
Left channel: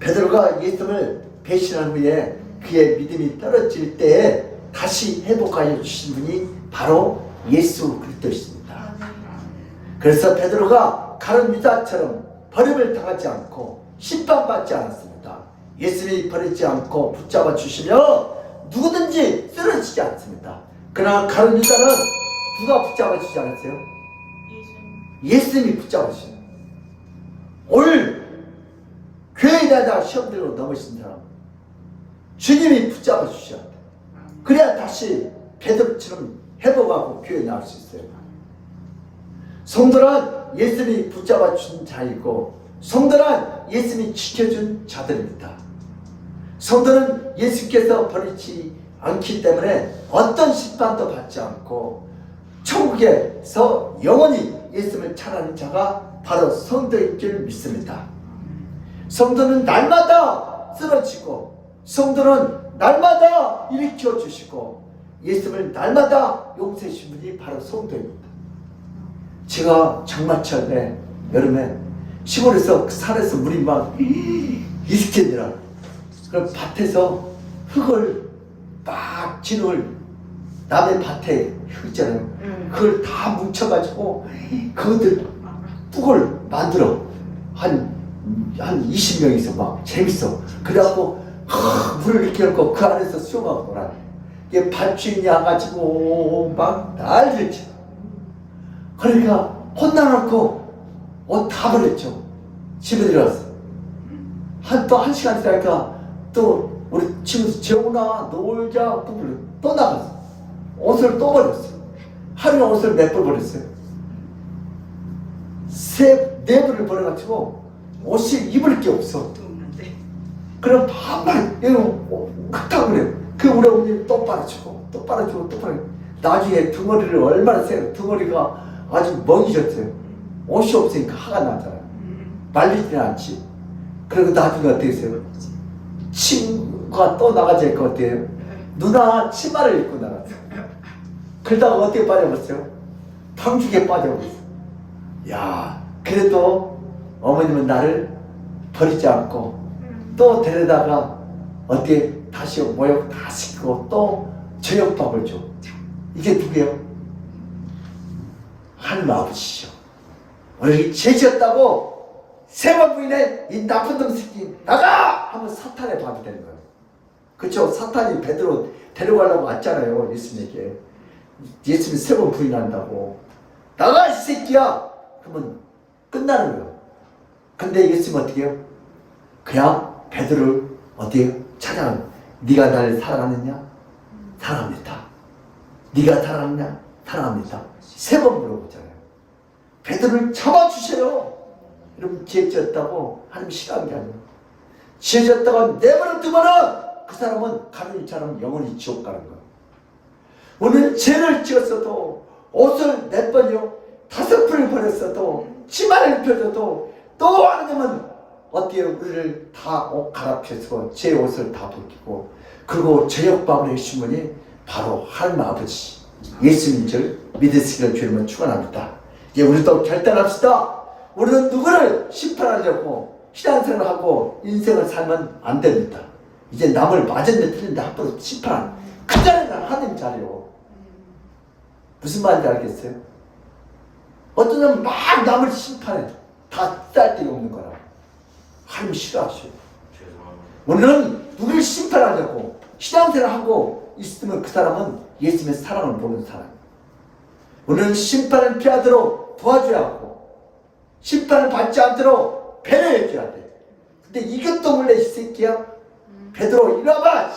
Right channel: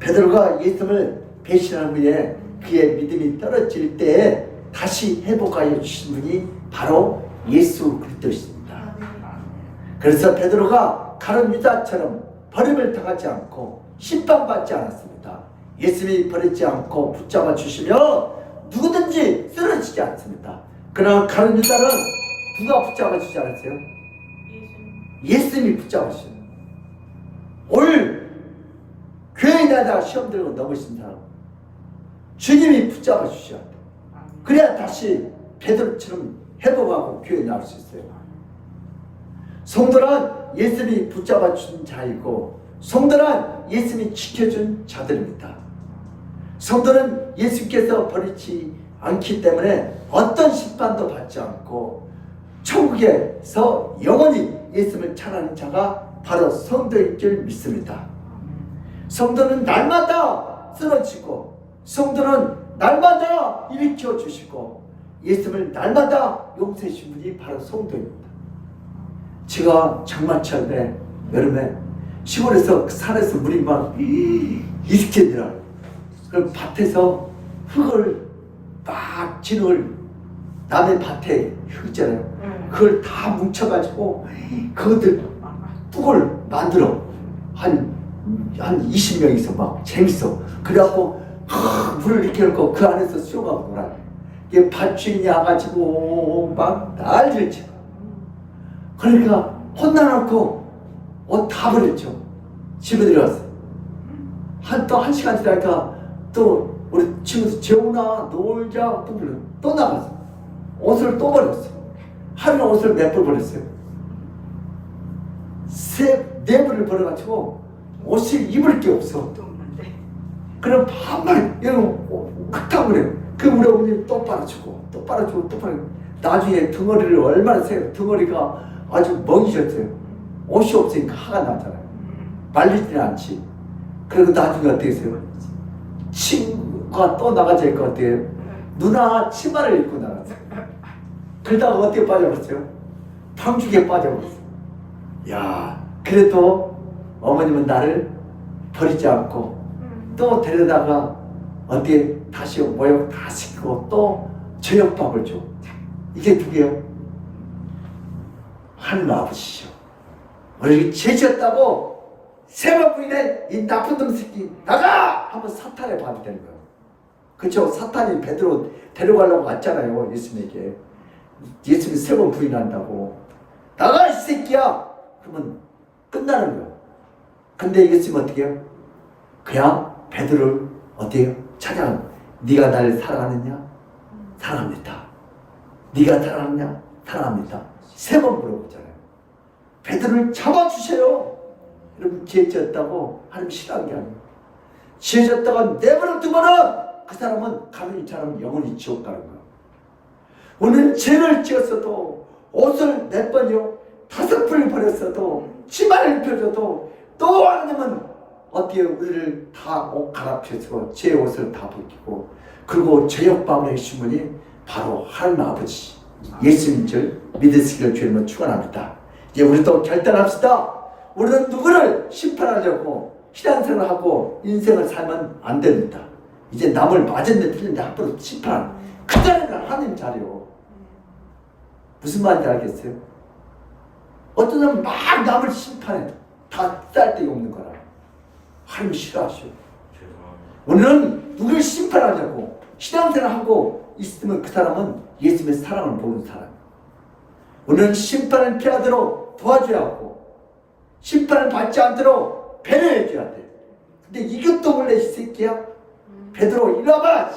베드로가 예수님을 배신한 후에 그의 믿음이 떨어질 때에 다시 회복하여 주신 분이 바로 예수 그리스도이십니다. 그래서 베드로가 가룟 유다처럼 버림을 당하지 않고 심판받지 않았습니다. 예수님이 버리지 않고 붙잡아 주시면 누구든지 쓰러지지 않습니다. 그러나 가룟 유다는 누가 붙잡아 주지 않았어요? 예수님이 붙잡아 주시는. 오늘 교회에 다니다 시험 들고 넘으신 사람 주님이 붙잡아 주셔야 돼. 그래야 다시 베드로처럼 회복하고 교회에 나올 수 있어요. 성도란 예수님이 붙잡아 준 자이고 성도란 예수님이 지켜준 자들입니다. 성도는 예수께서 버리지 않기 때문에 어떤 심판도 받지 않고 천국에서 영원히 예수님을 찬하는 자가 바로 성도일 줄 믿습니다. 성도는 날마다 쓰러지고 성도는 날마다 일으켜 주시고 예수님을 날마다 용서해 주신 분이 바로 성도입니다. 제가 장마철에 여름에 시골에서 산에서 물이 막 이렇게 내려요. 그럼 밭에서 흙을 막 진흙을 남의 밭에 흙 있잖아요. 그걸 다 뭉쳐가지고 그것들 뚝을 만들어 한 20명이서 막 재밌어. 그래갖고 물을 이렇게 넣고 그 안에서 수영하고 놀아. 이게 밭주인이 와가지고 막 난리를 쳐. 그러니까 혼나놓고 옷 다 버렸죠. 집에 들어갔어. 또 한 시간 지나니까 또 우리 친구 재훈아 놀자 또 나갔어. 옷을 또 버렸어. 하루에 옷을 몇 벌 버렸어요. 네 벌을 버려가지고 옷을 입을 게 없어. 그럼 반만 흙탕 그래요. 그 우리 어머니 또 빨아주고 또 빨아주고 또 빨아주고 나중에 등어리를 얼마나 세요. 등어리가 아주 멍이셨어요. 옷이 없으니까 화가 나잖아요. 말리지는 않지. 그리고 나중에 어떻게 했어요? 친구가 또 나가자 것 같아요. 누나 치마를 입고 나갔어요. 그러다가 어떻게 빠져버렸어요? 방죽에 빠져버렸어요. 야, 그래도 어머님은 나를 버리지 않고 또 데려다가 어떻게 다시 모욕 다 시키고 또 저녁밥을 줘. 이게 누구예요? 하나님 아버지시죠. 우리 죄지었다고 세 번 부인해 이 나쁜 놈 새끼 나가! 하면 사탄의 밥이 되는 거예요. 그렇죠? 사탄이 베드로 데려가려고 왔잖아요. 예수님에게. 예수님이 세 번 부인한다고 나가 이 새끼야! 그러면 끝나는 거예요. 근데 예수님은 어떻게 해요? 그냥 베드로를 어떻게 해요? 찾아가는 거예요. 네가 나를 사랑하느냐? 사랑합니다. 네가 사랑하느냐? 사랑합니다. 세 번 물어보잖아요. 베드로를 잡아주세요. 여러분 죄 지었다고 하나님 싫어하는 게 아니에요. 죄 지었다가 네 번은 두 번은 그 사람은 가면이처럼 영원히 지옥 가는 거예요. 오늘 죄를 지었어도 옷을 몇 번이요? 5번을 버렸어도 치마를 입혀줘도 또 하나님은 어떻게 우리를 다 옷 갈아펴서 제 옷을 다 벗기고 그리고 죄역방을 해주신 분이 바로 하나님 아버지 예수님인 줄 믿으시기를 주님은 축원합니다. 이제 우리도 결단합시다. 우리는 누구를 심판하려고 신앙생활을 하고 인생을 살면 안 됩니다. 이제 남을 맞았네 틀린데 앞으로 심판 그 자리는 하나님 자리요. 무슨 말인지 알겠어요? 어떤 사람은 막 남을 심판해. 다 쌀데기 없는 거라. 하나님 싫어하셔요. 우리는 누구를 심판하려고 신앙생활을 하고 있으면 그 사람은 예수님의 사랑을 모르는 사람이에요. 우리는 심판을 피하도록 도와줘야 하고 심판을 받지 않도록 배려해줘야 돼. 근데 이것도 몰래 이 새끼야. 베드로 일어나봐.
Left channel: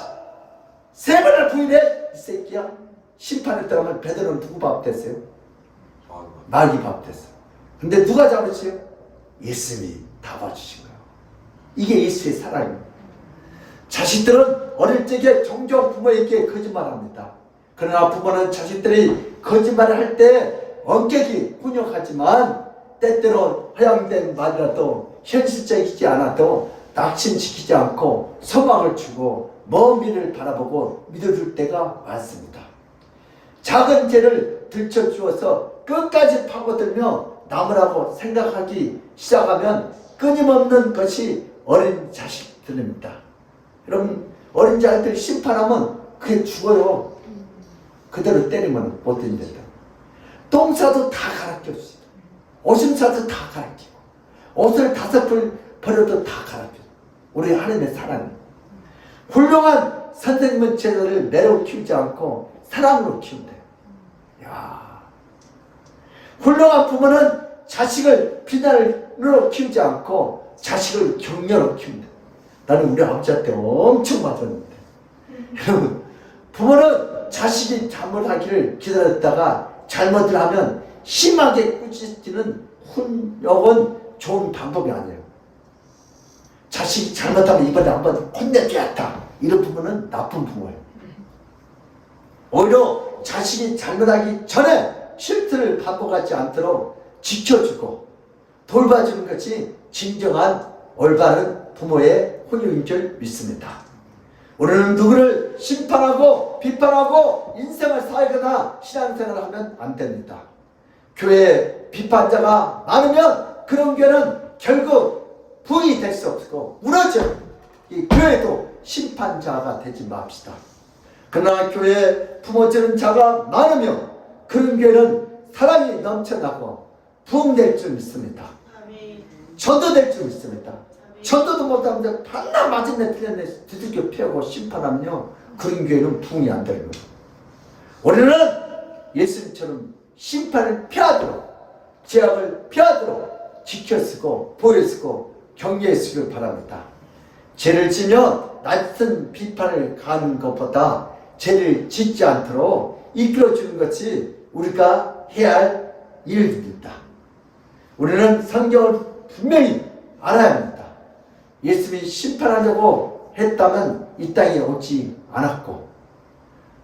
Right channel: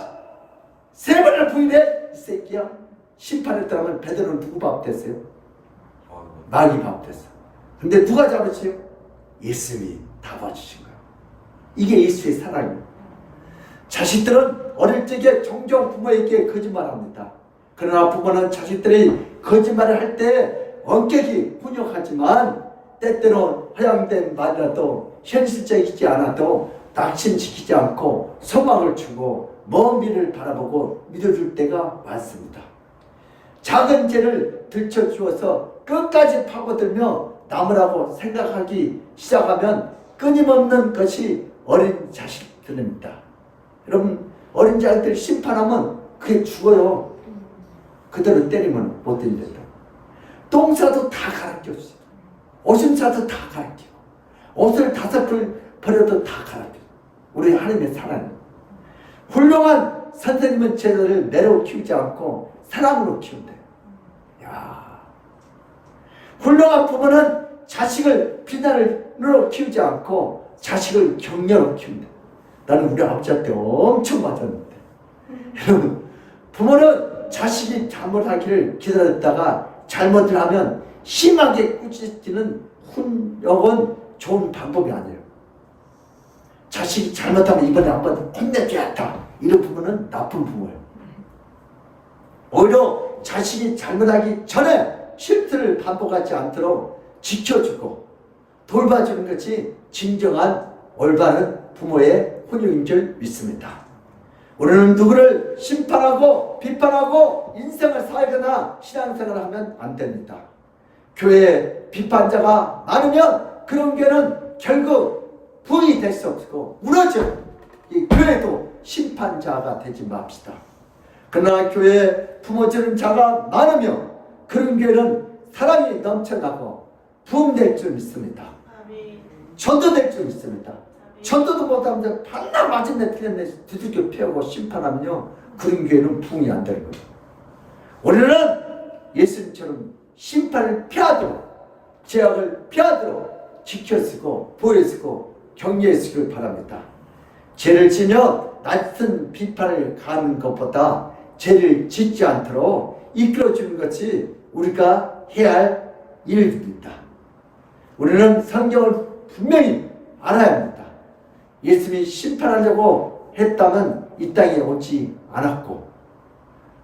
세 번을 부인해 이 새끼야. 심판을 떠나면 베드로는 누구 밥 됐어요? 마귀 밥 됐어. 근데 누가 잡으세요? 예수님이 잡아주신 거예요. 이게 예수의 사랑이에요. 자식들은 어릴 적에 종종 부모에게 거짓말합니다. 그러나 부모는 자식들이 거짓말을 할 때 엄격히 훈육하지만 때때로 허용된 말이라도 현실적이지 않아도 낙심시키지 않고 소망을 주고 먼 미래를 바라보고 믿어줄 때가 많습니다. 작은 죄를 들춰주어서 끝까지 파고들며 남으라고 생각하기 시작하면 끊임없는 것이 어린 자식들입니다. 여러분 어린 자식들 심판하면 그게 죽어요. 그대로 때리면 못 된다. 똥싸도 다 갈아껴주세요. 오줌싸도 다 갈아끼고 옷을 5벌 버려도 다 갈아껴. 우리 하나님의 사랑이에요. 훌륭한 선생님은 제자를 매로 키우지 않고 사랑으로 키운대요. 야, 훌륭한 부모는 자식을 비난으로 키우지 않고 자식을 격려로 키운다. 나는 우리 아버지한테 엄청 맞았는데 여러분 부모는 자식이 잘못하기를 기다렸다가 잘못을 하면 심하게 꾸짖는 훈육은 좋은 방법이 아니에요. 자식이 잘못하면 이번에 한번 혼내줘야겠다. 이런 부모는 나쁜 부모예요. 오히려 자식이 잘못하기 전에 실수를 반복하지 않도록 지켜주고 돌봐주는 것이 진정한 올바른 부모의 훈육인 줄 믿습니다. 우리는 누구를 심판하고 비판하고 인생을 살거나 신앙생활을 하면 안 됩니다. 교회에 비판자가 많으면 그런 교회는 결국 부흥이 될 수 없고 무너져요. 이 교회도 심판자가 되지 맙시다. 그러나 교회 품어주는 자가 많으며 그런 교회는 사랑이 넘쳐나고 부흥될 줄 믿습니다. 전도될 줄 믿습니다. 전도도 못하는데 반나 맞은데 틀렸네 두들겨 패고 심판하면요 그런 교회는 부흥이 안 되는 거예요. 우리는 예수님처럼 심판을 피하도록 죄악을 피하도록 지켜쓰고 보여쓰고 격려해쓰길 바랍니다. 죄를 지면 낯선 비판을 가하는 것보다 죄를 짓지 않도록 이끌어주는 것이 우리가 해야 할 일입니다. 우리는 성경을 분명히 알아야 합니다. 예수님이 심판하려고 했다면 이 땅에 오지 않았고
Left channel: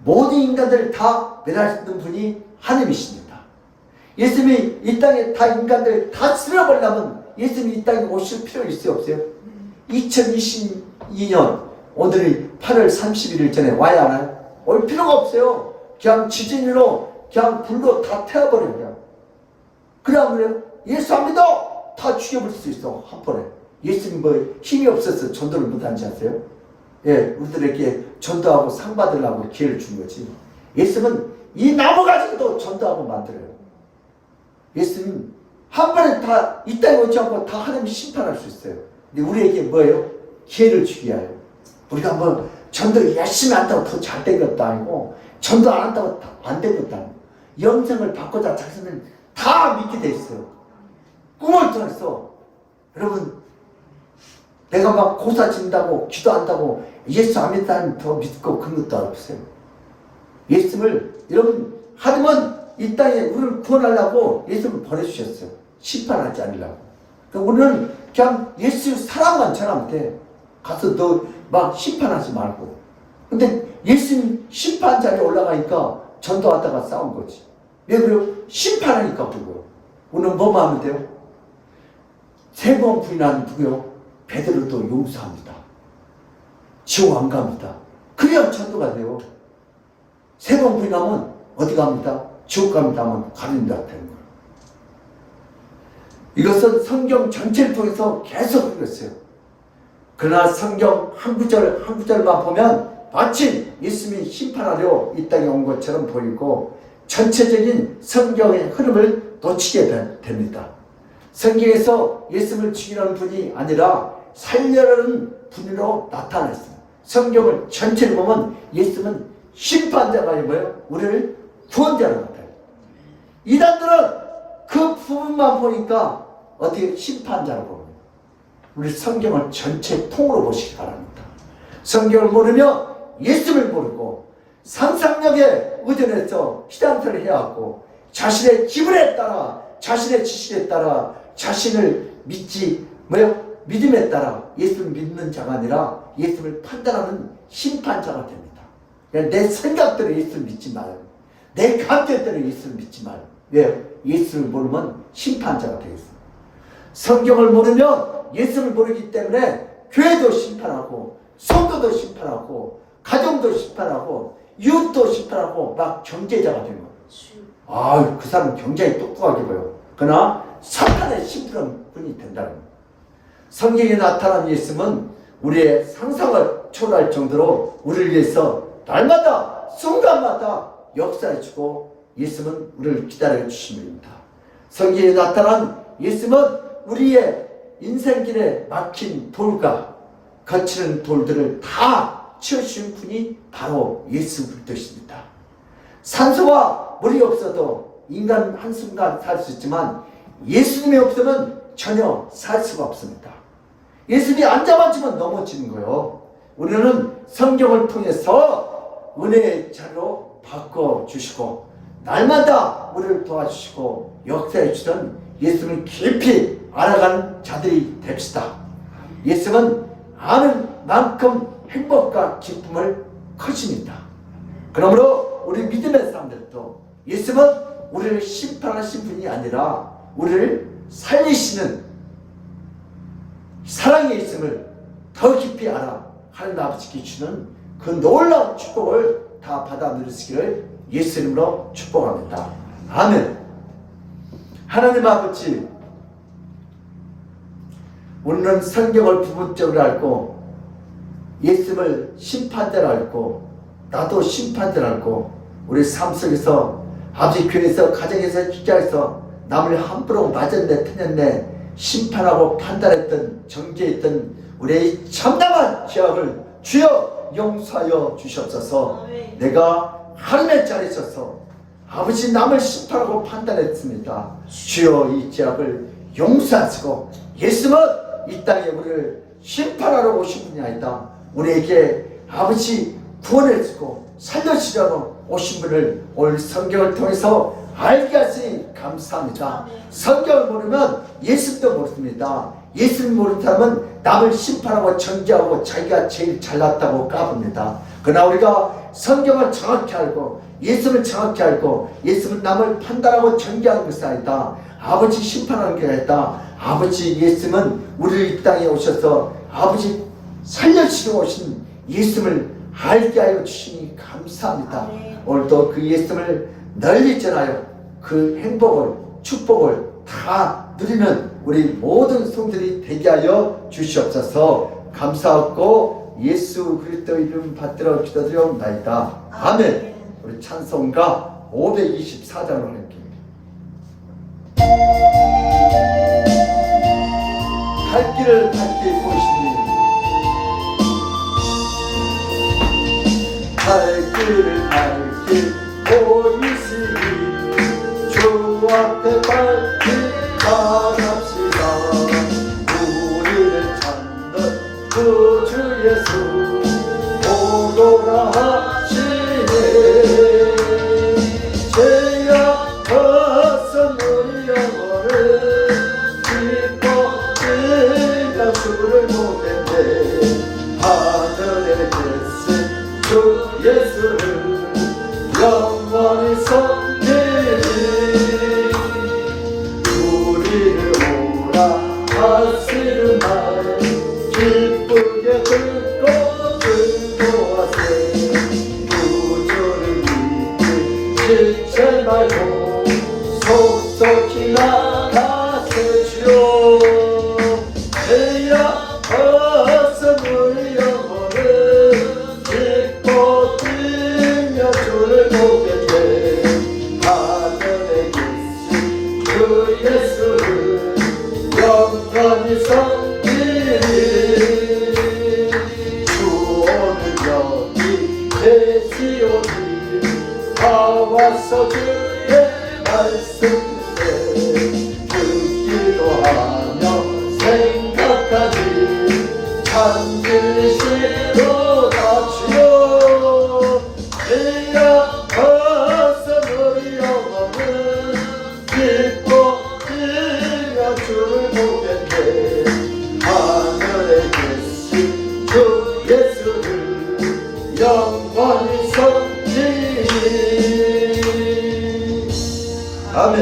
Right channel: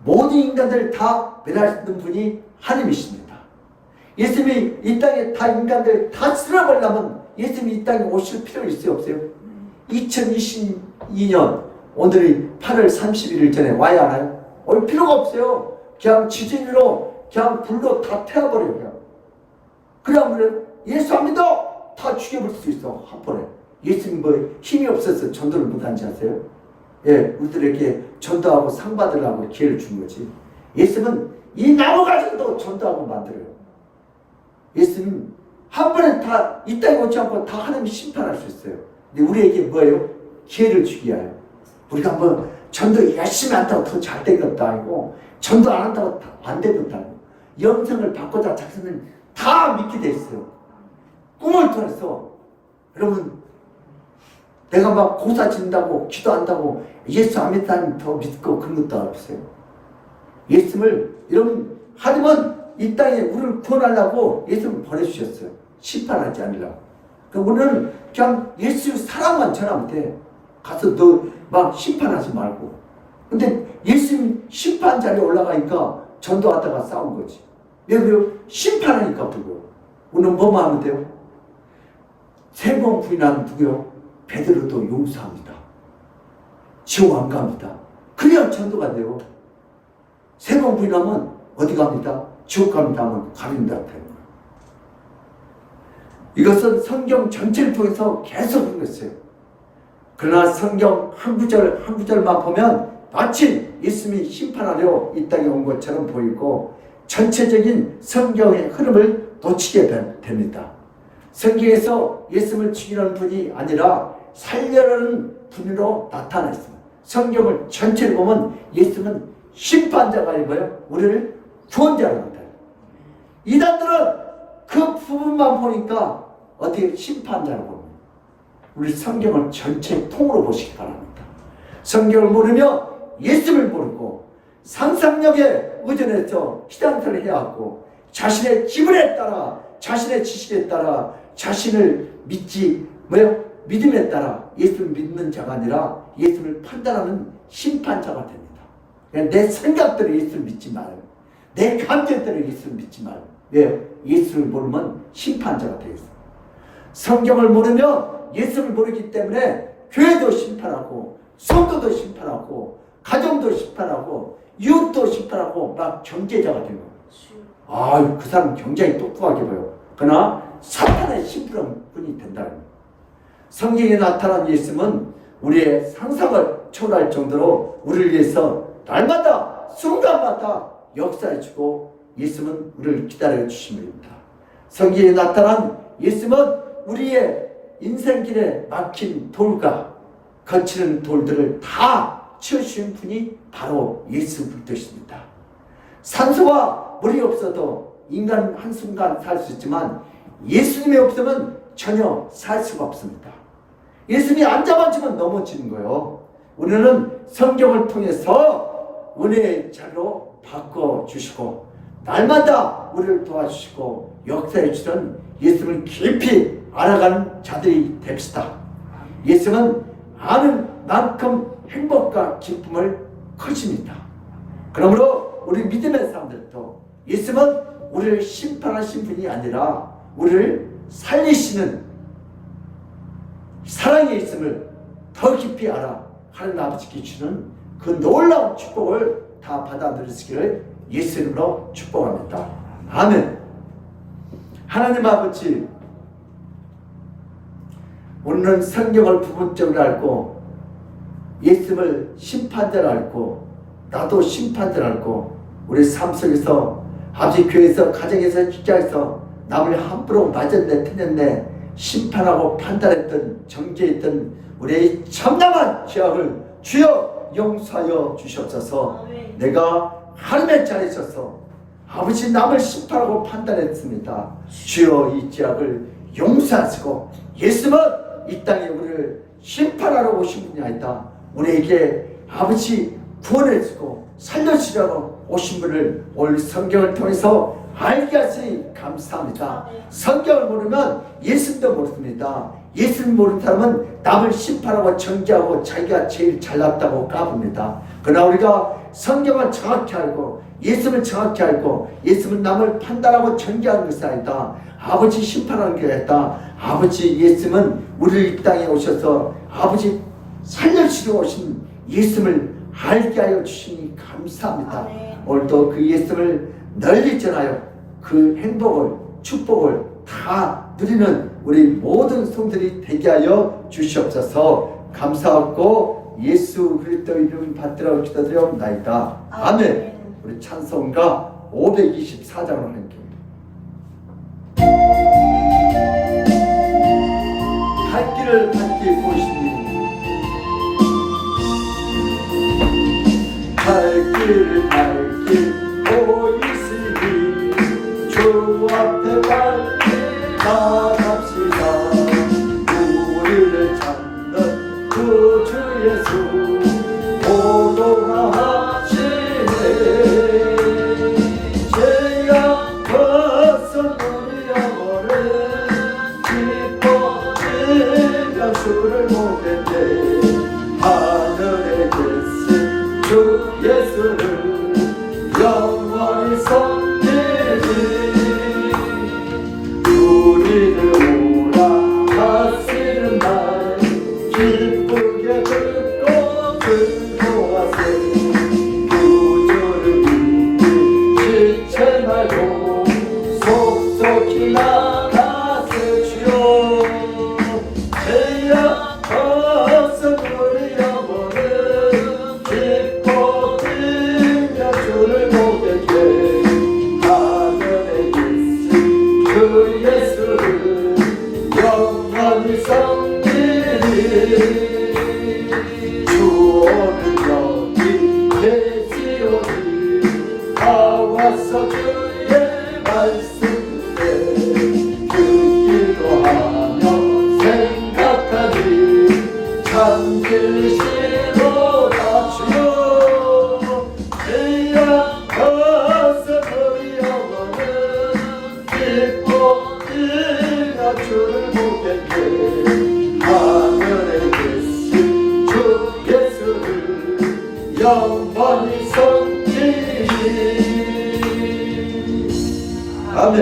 모든 인간들을 다 멸하시는 분이 하나님이십니다. 예수님이 이 땅에 다 인간들 다 쓸어버리려면 예수님이 이 땅에 오실 필요 있어요 없어요? 2022년 오늘이 8월 31일 전에 와야 하나요? 올 필요가 없어요. 그냥 지진으로 그냥 불로 다 태워버려요. 그냥. 그러면 예수 안 믿어 다 죽여버릴 수 있어 한 번에. 예수님 뭐 힘이 없어서 전도를 못한지 아세요? 예, 우리들에게 전도하고 상 받으려고 기회를 준 거지. 예수님은 이 나무 가지고도 전도하고 만들어요. 예수님 한 번에 다 이 땅에 오지 않고 다 하나님이 심판할 수 있어요. 근데 우리에게 뭐예요? 기회를 주기 위하여. 우리가 뭐 전도 열심히 한다고 더 잘 된 것도 아니고 전도 안 한다고 안 된 것도 아니고 영성을 바꾸자 자신은 다 믿게 돼 있어요. 꿈을 통해서 여러분 내가 막 고사 진다고 기도한다고 예수 안 믿다면 더 믿고 그런 것도 없어요. 예수님을 여러분 하나님은 이 땅에 우리를 구원하려고 예수님을 보내주셨어요. 심판하지 않으려고. 그러니까 우리는 그냥 예수 사랑만 전하면 돼. 가서 너 막 심판하지 말고. 근데 예수님 심판 자리에 올라가니까 전도하다가 싸운 거지. 왜 그래요? 심판하니까 그래요. 우리는 뭐만 하면 돼요? 3번 부인하면 누구요? 베드로도 용서합니다. 지옥 안 갑니다. 그래야 전도가 돼요. 3번 부인하면 어디 갑니다? 지옥 갑니다 하면 가린다 되는 거예요. 이것은 성경 전체를 통해서 계속 읽었어요. 그러나 성경 한 구절 한 구절만 보면 마치 예수님이 심판하려 이 땅에 온 것처럼 보이고 전체적인 성경의 흐름을 놓치게 됩니다. 성경에서 예수님을 죽이려는 분이 아니라 살려는 분으로 나타나 있습니다. 성경을 전체를 보면 예수님은 심판자가 아니고요, 우리를 구원자로 나타나요. 이단들은 그 부분만 보니까 어떻게 심판자로 보는 거예요. 우리 성경을 전체 통으로 보시기 바랍니다. 성경을 모르면 예수를 모르고 상상력에 의존해서 신앙생활을 해야 하고 자신의 기분에 따라 자신의 지식에 따라 자신을 믿지 믿음에 따라 예수를 믿는 자가 아니라 예수를 판단하는 심판자가 됩니다. 내 생각대로 예수를 믿지 말아요. 내 감정대로 예수를 믿지 말아요. 왜? 예수를 모르면 심판자가 되겠어요. 성경을 모르면 예수를 모르기 때문에 교회도 심판하고 성도도 심판하고 가정도 심판하고 이웃도 심판하고 막 경제자가 되는 거예요. 그 사람은 굉장히 똑똑하게 보여. 그러나 사탄의 심판꾼이 된다는 거예요. 성경에 나타난 예수님은 우리의 상상을 초월할 정도로 우리를 위해서 날마다 순간마다 역사해주고 예수님은 우리를 기다려 주십니다. 성경에 나타난 예수님은 우리의 인생길에 막힌 돌과 거치는 돌들을 다 치우신 분이 바로 예수 그리스도십니다. 산소와 물이 없어도 인간 한순간 살 수 있지만 예수님이 없으면 전혀 살 수가 없습니다. 예수님이 앉아만 주면 넘어지는 거예요. 우리는 성경을 통해서 은혜의 자로 바꿔주시고 날마다 우리를 도와주시고 역사해 주던 예수님을 깊이 알아가는 자들이 됩시다. 예수님은 아는 만큼 행복과 기쁨을 크십니다. 그러므로 우리 믿음의 사람들도 예수님은 우리를 심판하신 분이 아니라 우리를 살리시는 사랑의 있음을 더 깊이 알아 하나님 아버지께 주는 그 놀라운 축복을 다 받아 누리시기를 예수 이름으로 축복합니다. 아멘. 하나님 아버지, 우리는 성경을 부분적으로 알고 예수님을 심판대로 알고 나도 심판대로 알고 우리 삶 속에서 아버지 교회에서 가정에서 직장에서 남을 함부로 맞았네 틀렸네 심판하고 판단했던 정죄했던 우리의 참담한 죄악을 주여 용서하여 주시옵소서. 내가 하나님의 자리에 있어서 아버지 남을 심판하고 판단했습니다. 주여 이 죄악을 용서하시고 예수님은 이 땅에 우리를 심판하러 오신 분이 아니다. 우리에게 아버지 구원해 주고 살려주려고 오신 분을 오늘 성경을 통해서 알게 하시니 감사합니다. 성경을 모르면 예수님도 모릅니다. 예수님 모르는 사람은 남을 심판하고 정죄하고 자기가 제일 잘났다고 까붑니다. 그러나 우리가 성경을 정확히 알고 예수님을 정확히 알고 예수님은 남을 판단하고 정죄하는 것이 아니다. 아버지 심판하는 게 아니다. 아버지 예수님은 우리를 이 땅에 오셔서 아버지 살려주시러 오신 예수님을 알게 하여 주시니 감사합니다. 오늘도 그 예수님을 널리 전하여 그 행복을 축복을 다 누리는 우리 모든 성들이 되게 하여 주시옵소서. 감사하고 예수 그리스도 이름 받들어 기도드리옵나이다. 아멘. 우리 찬송가 524장으로 할게요. 갈 길을 밝게 보시니 갈 길을 밝게 보이시니 주 앞에 밝게 나갑시다. 우리를 찾는 그 주 예수 오노라 하시네. 죄악 벗은 우리 영혼을 기뻐 즐겨 주를 보겠네. 하늘에 계신 주 예수를 영원히 섬기리. 우리를 오라 하시는 말 기쁘게 듣고 즐거워하세. 구주를 믿기 지체 말고 속속히 나가세. 주여 죄악 벗은 우리 영혼을 기뻐 뛰며 주를 보겠네. 하늘에 계신 주 예수를 영원히 섬기리. 주 오늘 여기 계시오니 다 와서 주의 말씀에 듣기도 하며 생각하니 참 진리시로다. 주여 죄악 벗은 우리 영혼을 기뻐 뛰며 주를 보겠네. 하늘에 계신 주 예수를 영원히 섬기리. 아멘.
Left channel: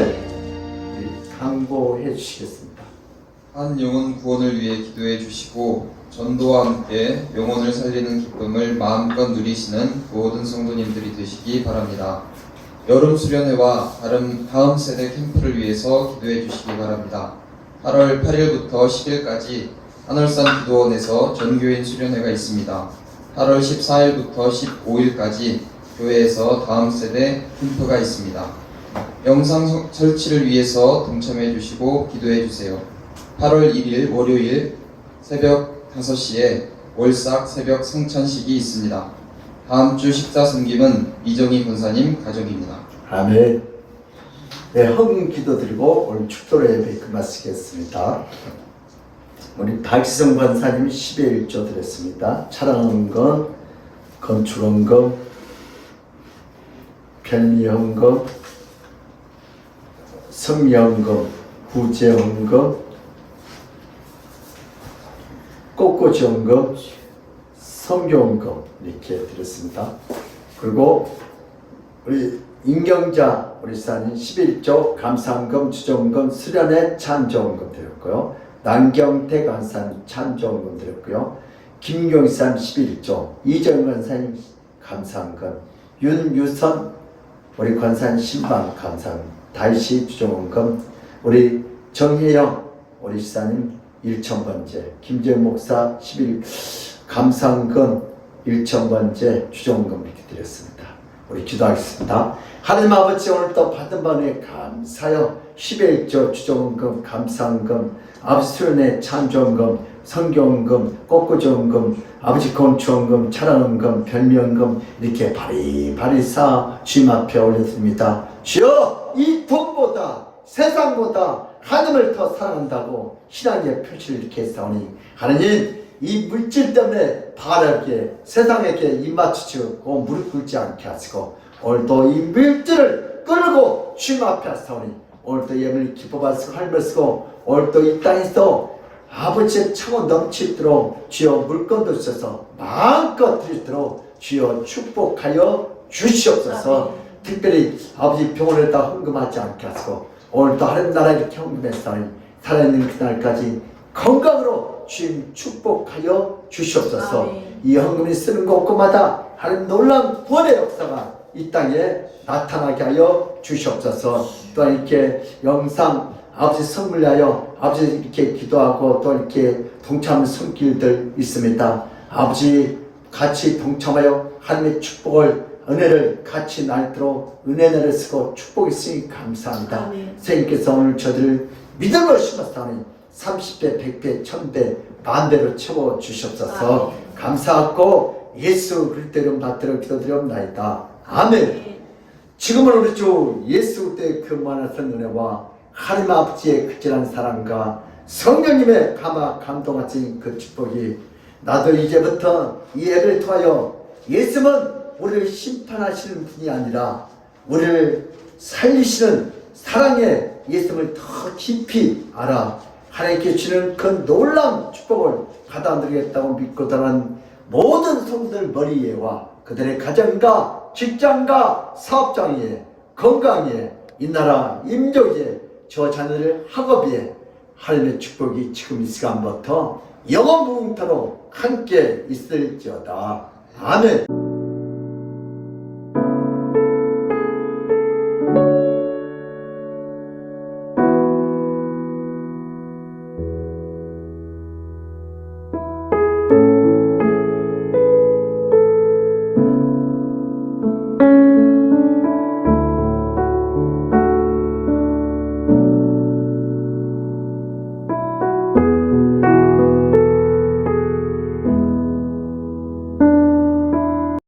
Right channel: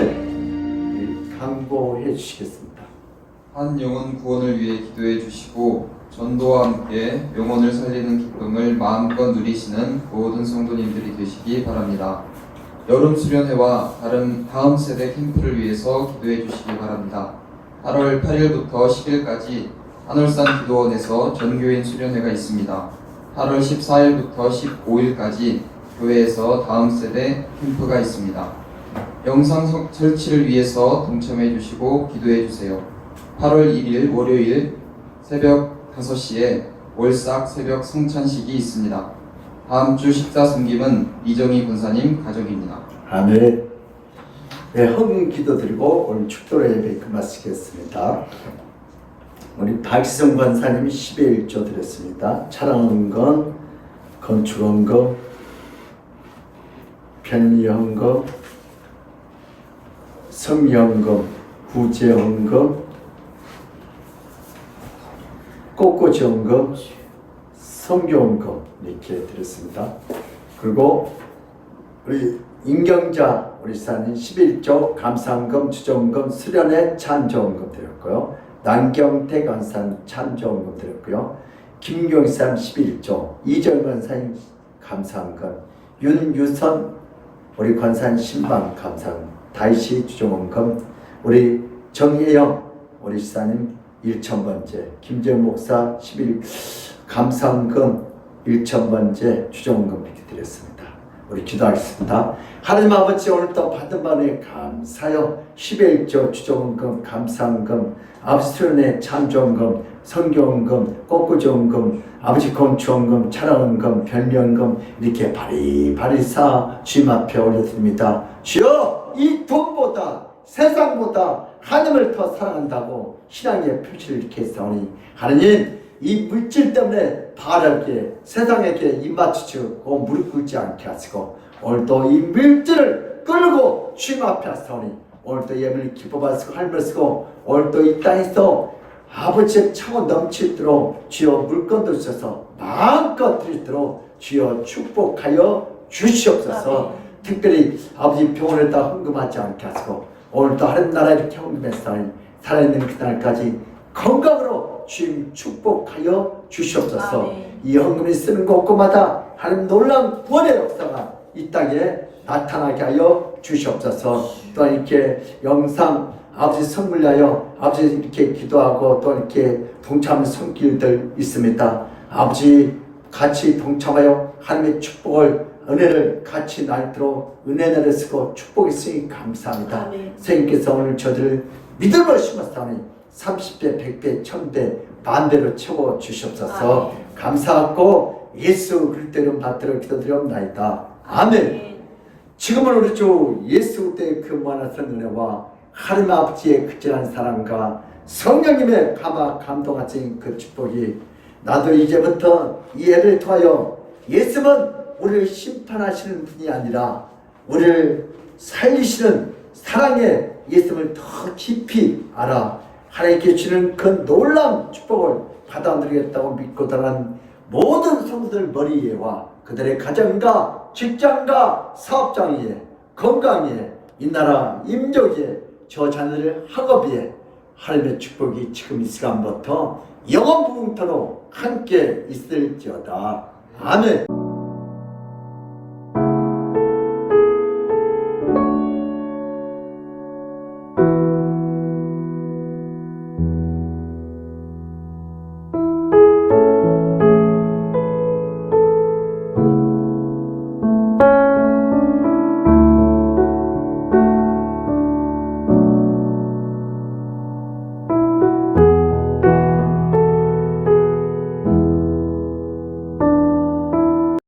우리 강구해 주시겠습니다. 한 영혼 구원을 위해 기도해 주시고 전도와 함께 영혼을 살리는 기쁨을 마음껏 누리시는 모든 성도님들이 되시기 바랍니다. 여름 수련회와 다음 세대 캠프를 위해서 기도해 주시기 바랍니다. 8월 8일부터 10일까지 한월산 기도원에서 전교인 수련회가 있습니다. 8월 14일부터 15일까지 교회에서 다음 세대 캠프가 있습니다. 영상 설치를 위해서 동참해 주시고 기도해 주세요. 8월 1일 월요일 새벽 5시에 월삭 새벽 성찬식이 있습니다. 다음 주 식사 섬김은 이정희 권사님 가족입니다. 아멘. 네, 헌금 기도드리고 오늘 축도로 예배 끝마치겠습니다. 우리 박시성 권사님이 10의 1조 드렸습니다. 차량헌금, 건축헌금, 편리헌금, 성리헌금, 구제헌금, 꽃꽂이헌금, 성교헌금 이렇게 드렸습니다. 그리고 우리 임경자 우리 사님 11조 감사헌금, 주정헌금, 수련회 찬조헌금 드렸고요. 남경태 간사님 찬조헌금 드렸고요. 김경산 11조, 이정 간사님 감사헌금, 윤유선 우리 권사님 신방 감사헌금, 다이시 주정헌금, 우리 정혜영 우리 사님 1,000번째, 김재훈 목사 11 감사헌금 1,000번째 주정헌금 이렇게 드렸습니다. 우리 기도하겠습니다. 하나님 아버지, 오늘도 받은 바에 감사하여 11조 주정헌금, 감사헌금, 아버지 수련회 찬조헌금, 성경헌금, 꽃꽂이헌금, 아버지 건축헌금, 차량헌금, 별미헌금 이렇게 바리바리 쌓아 주님 앞에 올려드립니다. 주여, 이 돈보다 세상보다 하나님을 더 사랑한다고 신앙의 표시를 이렇게 했사오니 하나님, 이 물질 때문에 바라게 세상에게 입맞추고 무릎 꿇지 않게 하시고 오늘도 이 물질을 끌고 주님 앞에 하사오니 오늘도 예물을 기뻐받으시고 할머시고 오늘도 이 땅에서 아버지의 차고 넘치도록 주여 물건도 주셔서 마음껏 드리도록 주여 축복하여 주시옵소서. 특별히 아버지 병원에다 헌금하지 않게 하시고 오늘도 하나님 나라에 이렇게 헌금했사오니 살아있는 그날까지 건강으로 주님 축복하여 주시옵소서. 아멘. 이 헌금이 쓰는 곳곳마다 하나님 놀라운 구원의 역사가 이 땅에 나타나게 하여 주시옵소서. 또 이렇게 영상 아버지 선물 위하여 아버지 이렇게 기도하고 또 이렇게 동참하는 손길들 있습니다. 아버지 같이 동참하여 하나님의 축복을 은혜를 같이 날도록 은혜 내려쓰고 축복이 있으니 감사합니다. 아멘. 선생님께서 오늘 저들을 믿음으로 심었다니 30배, 100배, 1000배, 만배로 채워 주시옵소서. 아멘. 감사하고 예수 그리스도 이름 받들어 기도드리옵나이다. 아멘. 지금은 우리 주 예수 그리스도의 그 무한한 은혜와 하나님 아버지의 극진한 사랑과 성령님의 감동하신 그 축복이 나도 이제부터 이 예배를 통하여 예수는 우리를 심판하시는 분이 아니라 우리를 살리시는 사랑의 예수님을 더 깊이 알아 하나님께 주시는 그 놀라운 축복을 받아들이겠다고 믿고 따르는 모든 성도들 머리 위에와 그들의 가정과 직장과 사업장에 건강에 이 나라 임족에 저 자녀들 학업에 하나님의 축복이 지금 이 시간부터 영원무궁토록 함께 있을지어다. 아멘.